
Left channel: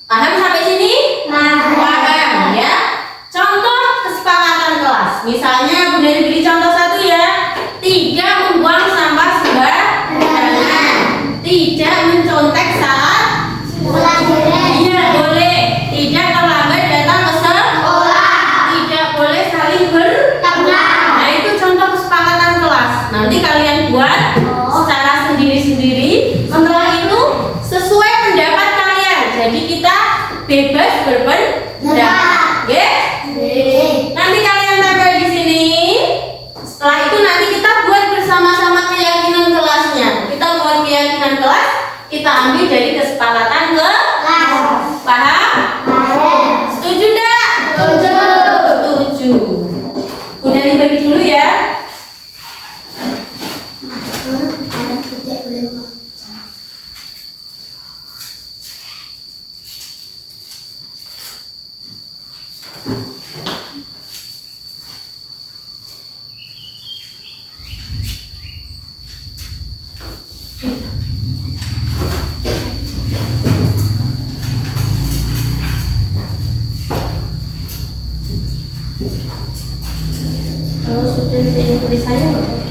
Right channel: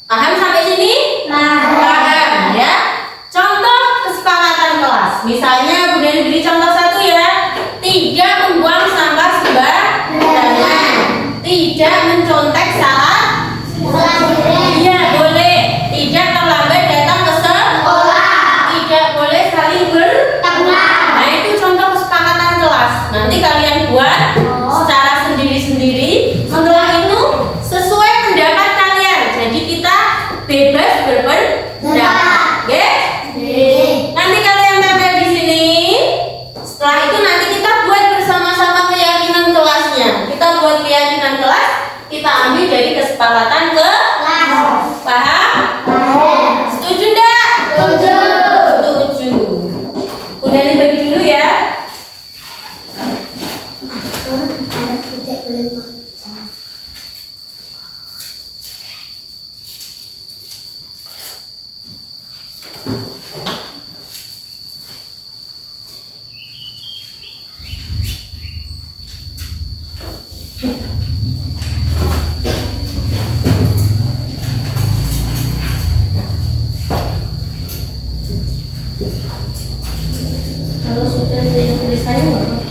Paham sampai sini? Paham, ya. Contoh kesepakatan kelas. Misalnya Bu Neli beri contoh satu ya. Tidak membuang sampah sembarangan. Tidak mencontek saat iya, boleh. Tidak terlambat datang ke sekolah. Tidak boleh saling bertengkar. Nah, itu contoh kesepakatan kelas. Nanti kalian buat secara sendiri-sendiri. Setelah itu sesuai pendapat kalian. Jadi kita bebas berpendapat. Ya? Nanti kalian tempel di sini. Setelah itu nanti kita buat bersama-sama keyakinan kelasnya. Kita buat keyakinan kelas, kita ambil dari kesepakatan kelas. Paham? Setuju enggak? Setuju. Udah dibagi dulu ya. Kalau sudah jadi tulisannya nggak apa-apa.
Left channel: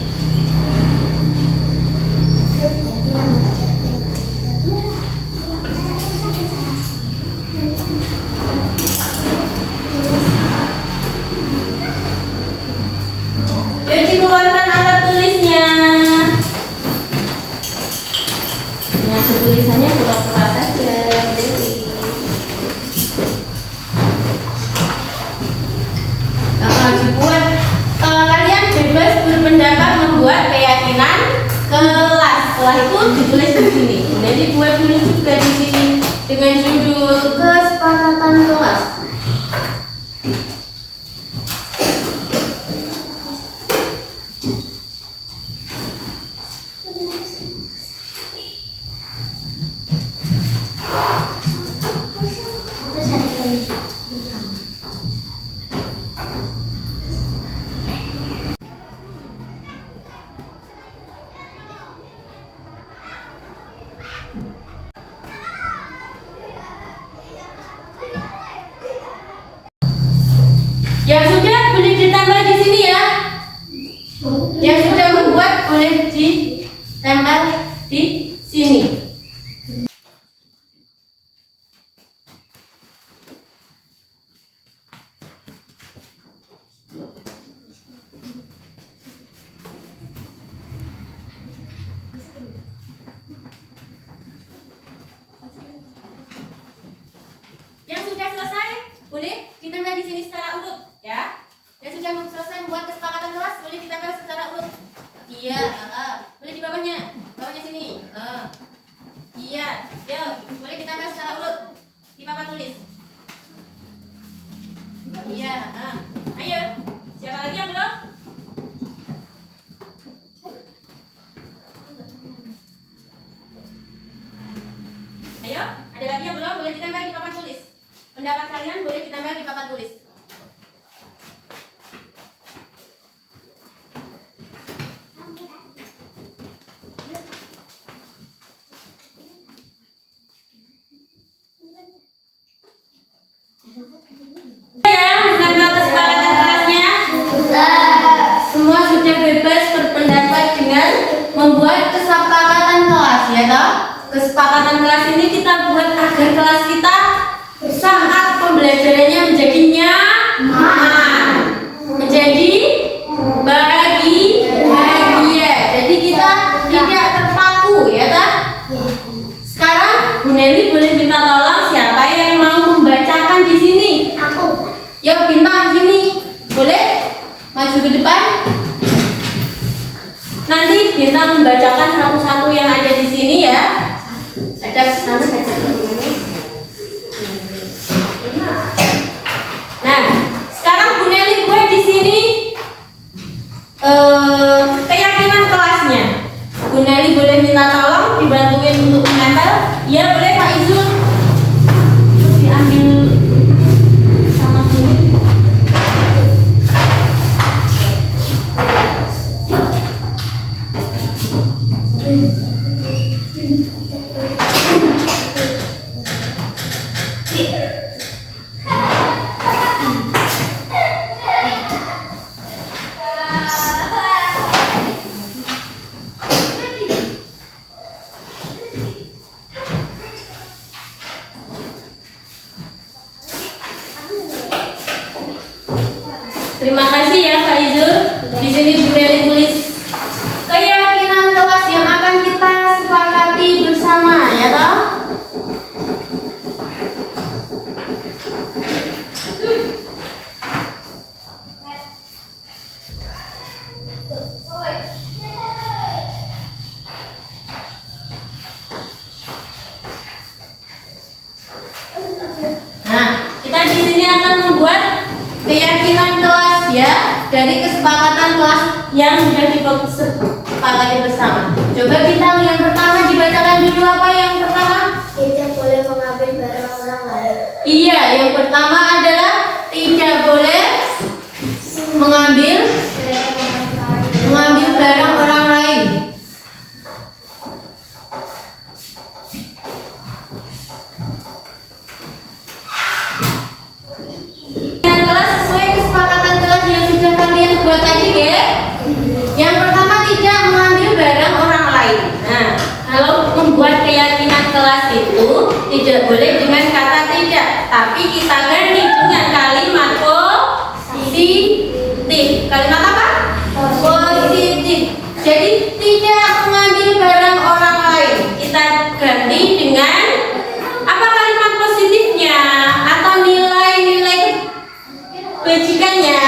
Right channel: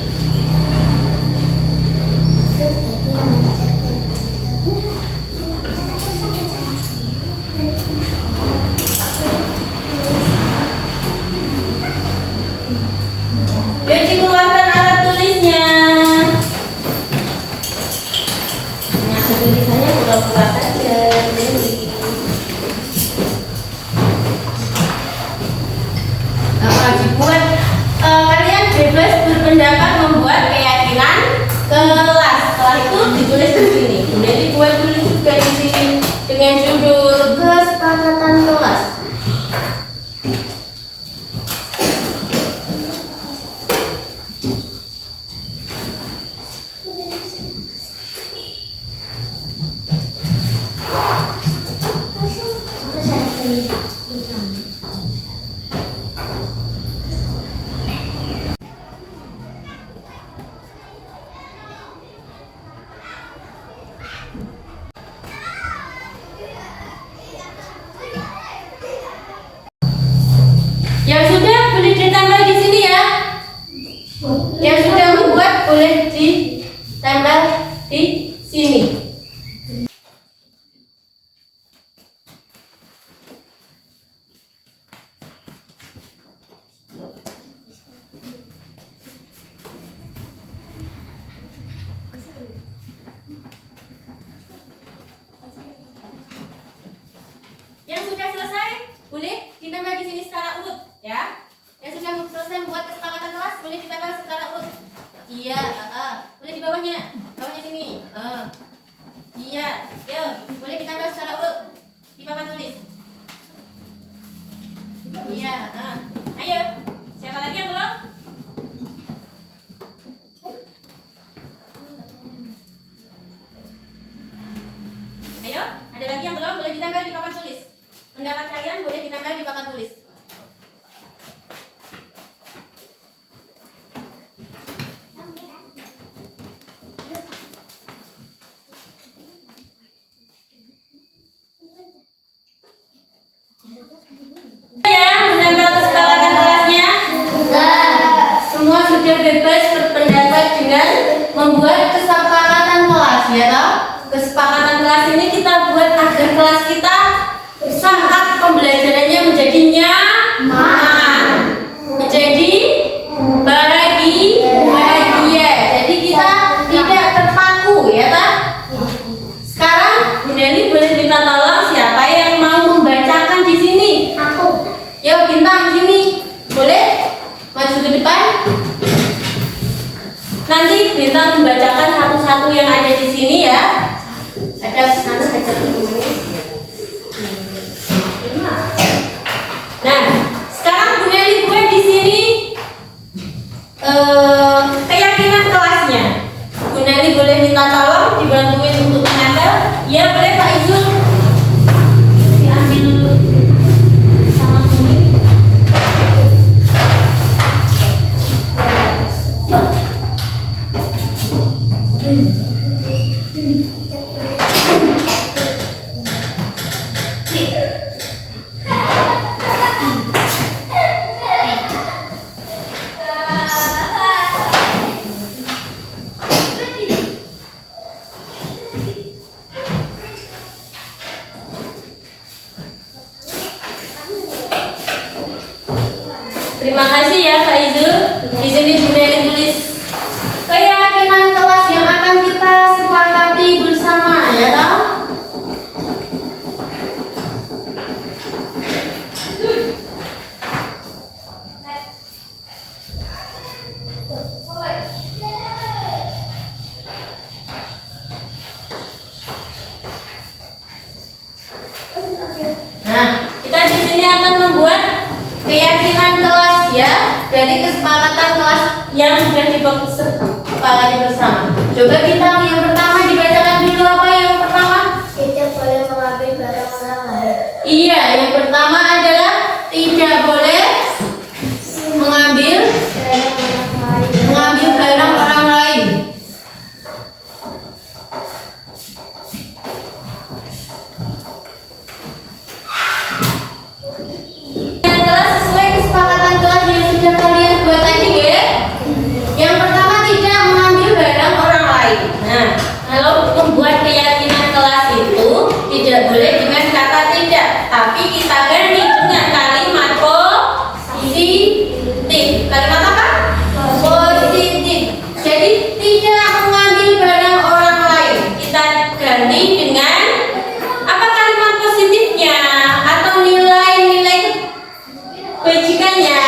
buat kalian bebas berpendapat membuat keyakinan kelas. Setelah itu ditulis di sini. Jadi buat tulis juga di sini dengan judul kesepakatan kelas. Yang sudah boleh ditambah di sini ya. Yang sudah membuat boleh ditambah di sini. Yang sudah selesai boleh ditambah di sini secara urut ya. Yang sudah selesai membuat kesepakatan kelas boleh ditambah secara urut. Iya, boleh di bawahnya sini. Iya, boleh ditambah secara urut di papan tulis. Iya, ayo. Siapa lagi yang belum? Ayo, ada lagi yang belum? Boleh ditambah di papan tulis. Pendapat kalian boleh ditambah di papan tulis. Ya, sudah tahu kesepakatan kelasnya? Semua sudah bebas berpendapat dengan membuat kesepakatan kelas, ya toh? Kesepakatan kelas ini kita buat agar kelas kita saat pembelajarannya menjadi nyaman, menjadi bahagia. Jadi kita tidak terpaku, ya toh? Sekarang Bu Nelly boleh minta tolong siapa yang mau membacakan di sini? Aku. Ya, bintang sini. Boleh? Maju ke depan. Nanti bintang membacakan satu-satu yang ada di sini ya. Ada nanti baca dulu. Nah, sekarang Bu Nelly buat di sini keyakinan kelasnya. Bu Nelly boleh minta tolong dibantuin untuk menempel. Ya boleh Pak Izul. Diambil sama sini. Terima kasih ya Kak Izul. Di sini Bu Nelly tulis keyakinan kelas yang akan kita sepakati bersama, ya toh? Nah, kita di sini akan membuat keyakinan kelas ya dari kesepakatan kelas yang sudah disepakati bersama. Coba kita yang pertama dibacakan dulu apa yang pertama? Tidak boleh mengambil barang orang lain. Iya, yang pertama adalah tidak boleh mengambil barang orang lain. Kelas sesuai kesepakatan kelas yang sudah kalian buat tadi ya. Yang pertama tidak mengambil barang orang lain. Nah, kalau membuat keyakinan kelas itu tidak boleh dengan kata tidak, tapi kita ganti dengan kalimat positif. Kalimat apa? Positif. Jadi tidak mengambil barang orang lain. Kita ganti dengan apa kalimat positifnya atau nilai-nilai kebajikannya?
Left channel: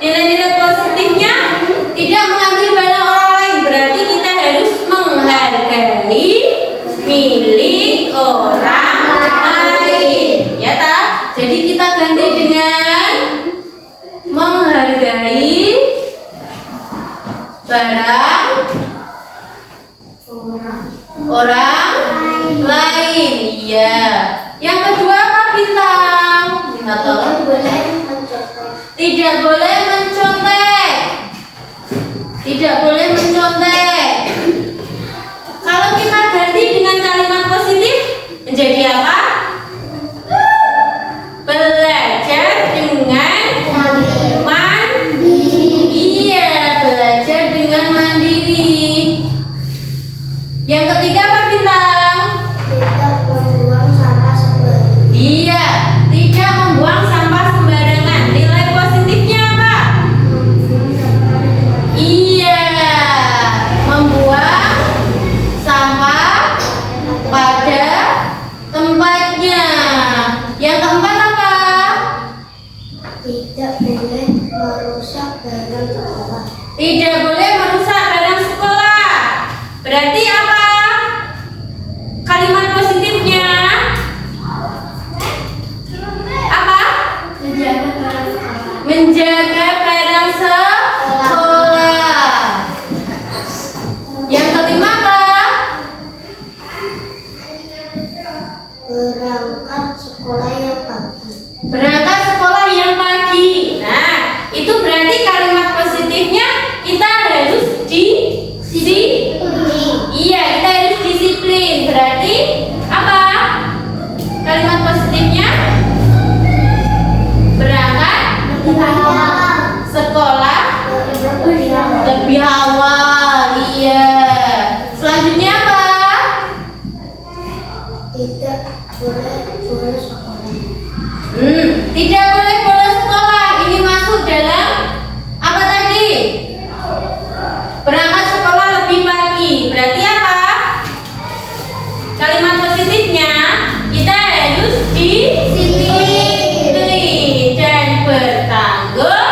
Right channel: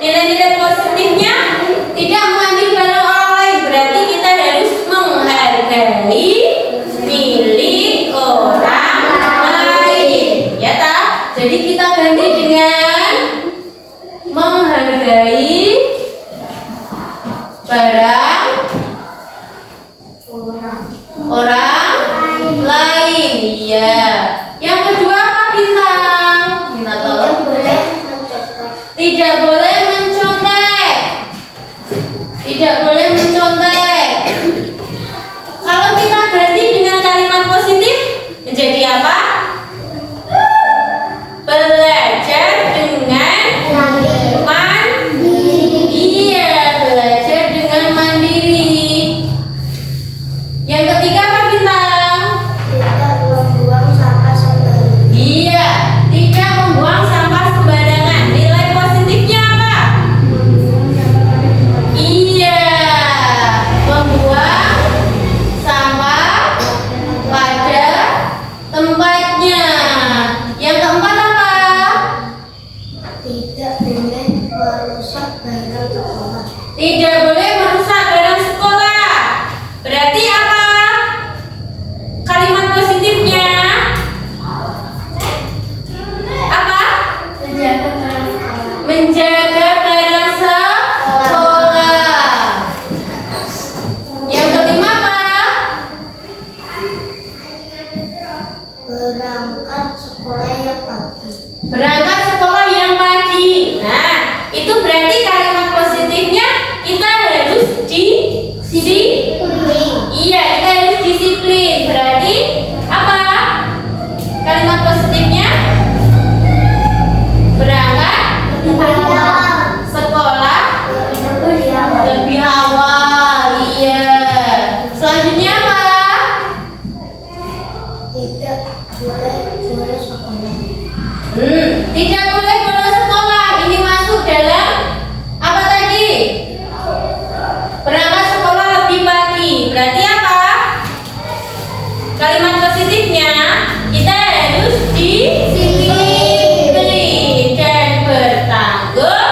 Nilai-nilai positifnya tidak mengambil barang orang lain, berarti kita harus menghargai milik orang lain. Ya tak? Jadi kita ganti dengan menghargai barang orang lain. Iya. Yang kedua apa bintang? Bintang tahu? Tidak boleh mencontek. Tidak boleh mencontek. Kalau kita ganti dengan kalimat positif menjadi apa? Belajar dengan mandiri. Iya, belajar dengan mandiri. Yang ketiga apa bintang? Iya, tidak membuang sampah sembarangan. Nilai positifnya apa? Iya, membuang sampah pada tempatnya. Yang keempat apa? Tidak boleh merusak barang sekolah. Tidak boleh merusak barang sekolah. Berarti apa? Kalimat positifnya apa? Menjaga barang sekolah. Menjaga barang sekolah. Yang kelima apa? Berangkat sekolah yang pagi. Berangkat sekolah yang pagi. Nah, itu berarti kalimat positifnya kita harus iya, kita harus disiplin. Berarti apa? Kalimat positifnya berangkat sekolah lebih awal. Iya. Selanjutnya apa? Tidak boleh sekolah. Tidak boleh bolos sekolah. Ini masuk dalam apa tadi? Berangkat sekolah lebih pagi. Berarti apa? Kalimat positifnya kita harus disiplin dan bertanggung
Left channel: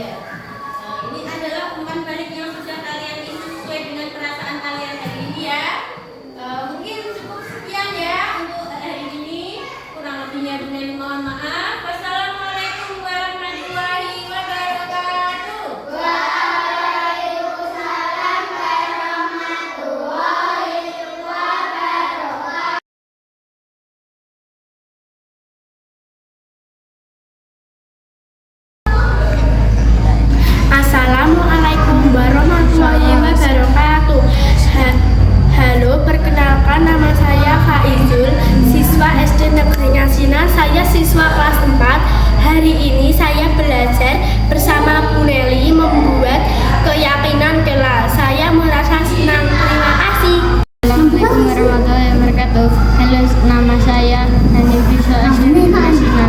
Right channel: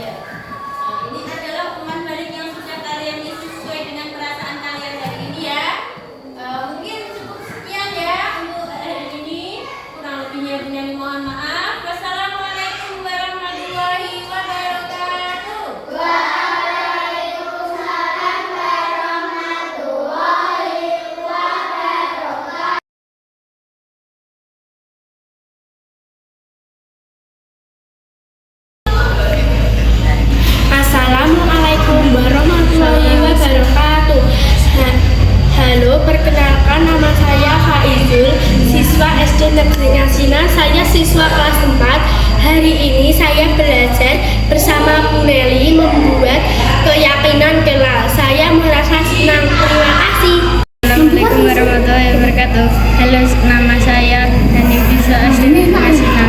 iya. Ini adalah umpan balik yang sudah kalian isi sesuai dengan perasaan kalian hari ini ya. Mungkin cukup sekian ya untuk hari ini. Kurang lebihnya Bunda mohon maaf. Wassalamualaikum warahmatullahi wabarakatuh. Waalaikumsalam warahmatullahi wabarakatuh. Assalamualaikum warahmatullahi wabarakatuh. Halo, perkenalkan nama saya Faizul, siswa SD Negeri Ngasina. Saya siswa kelas 4. Hari ini saya belajar bersama Bu Nelly membuat keyakinan kelak. Saya merasa senang. Terima kasih. Assalamualaikum warahmatullahi wabarakatuh. Halo, nama saya Hanifisa SD Negeri Ngasina.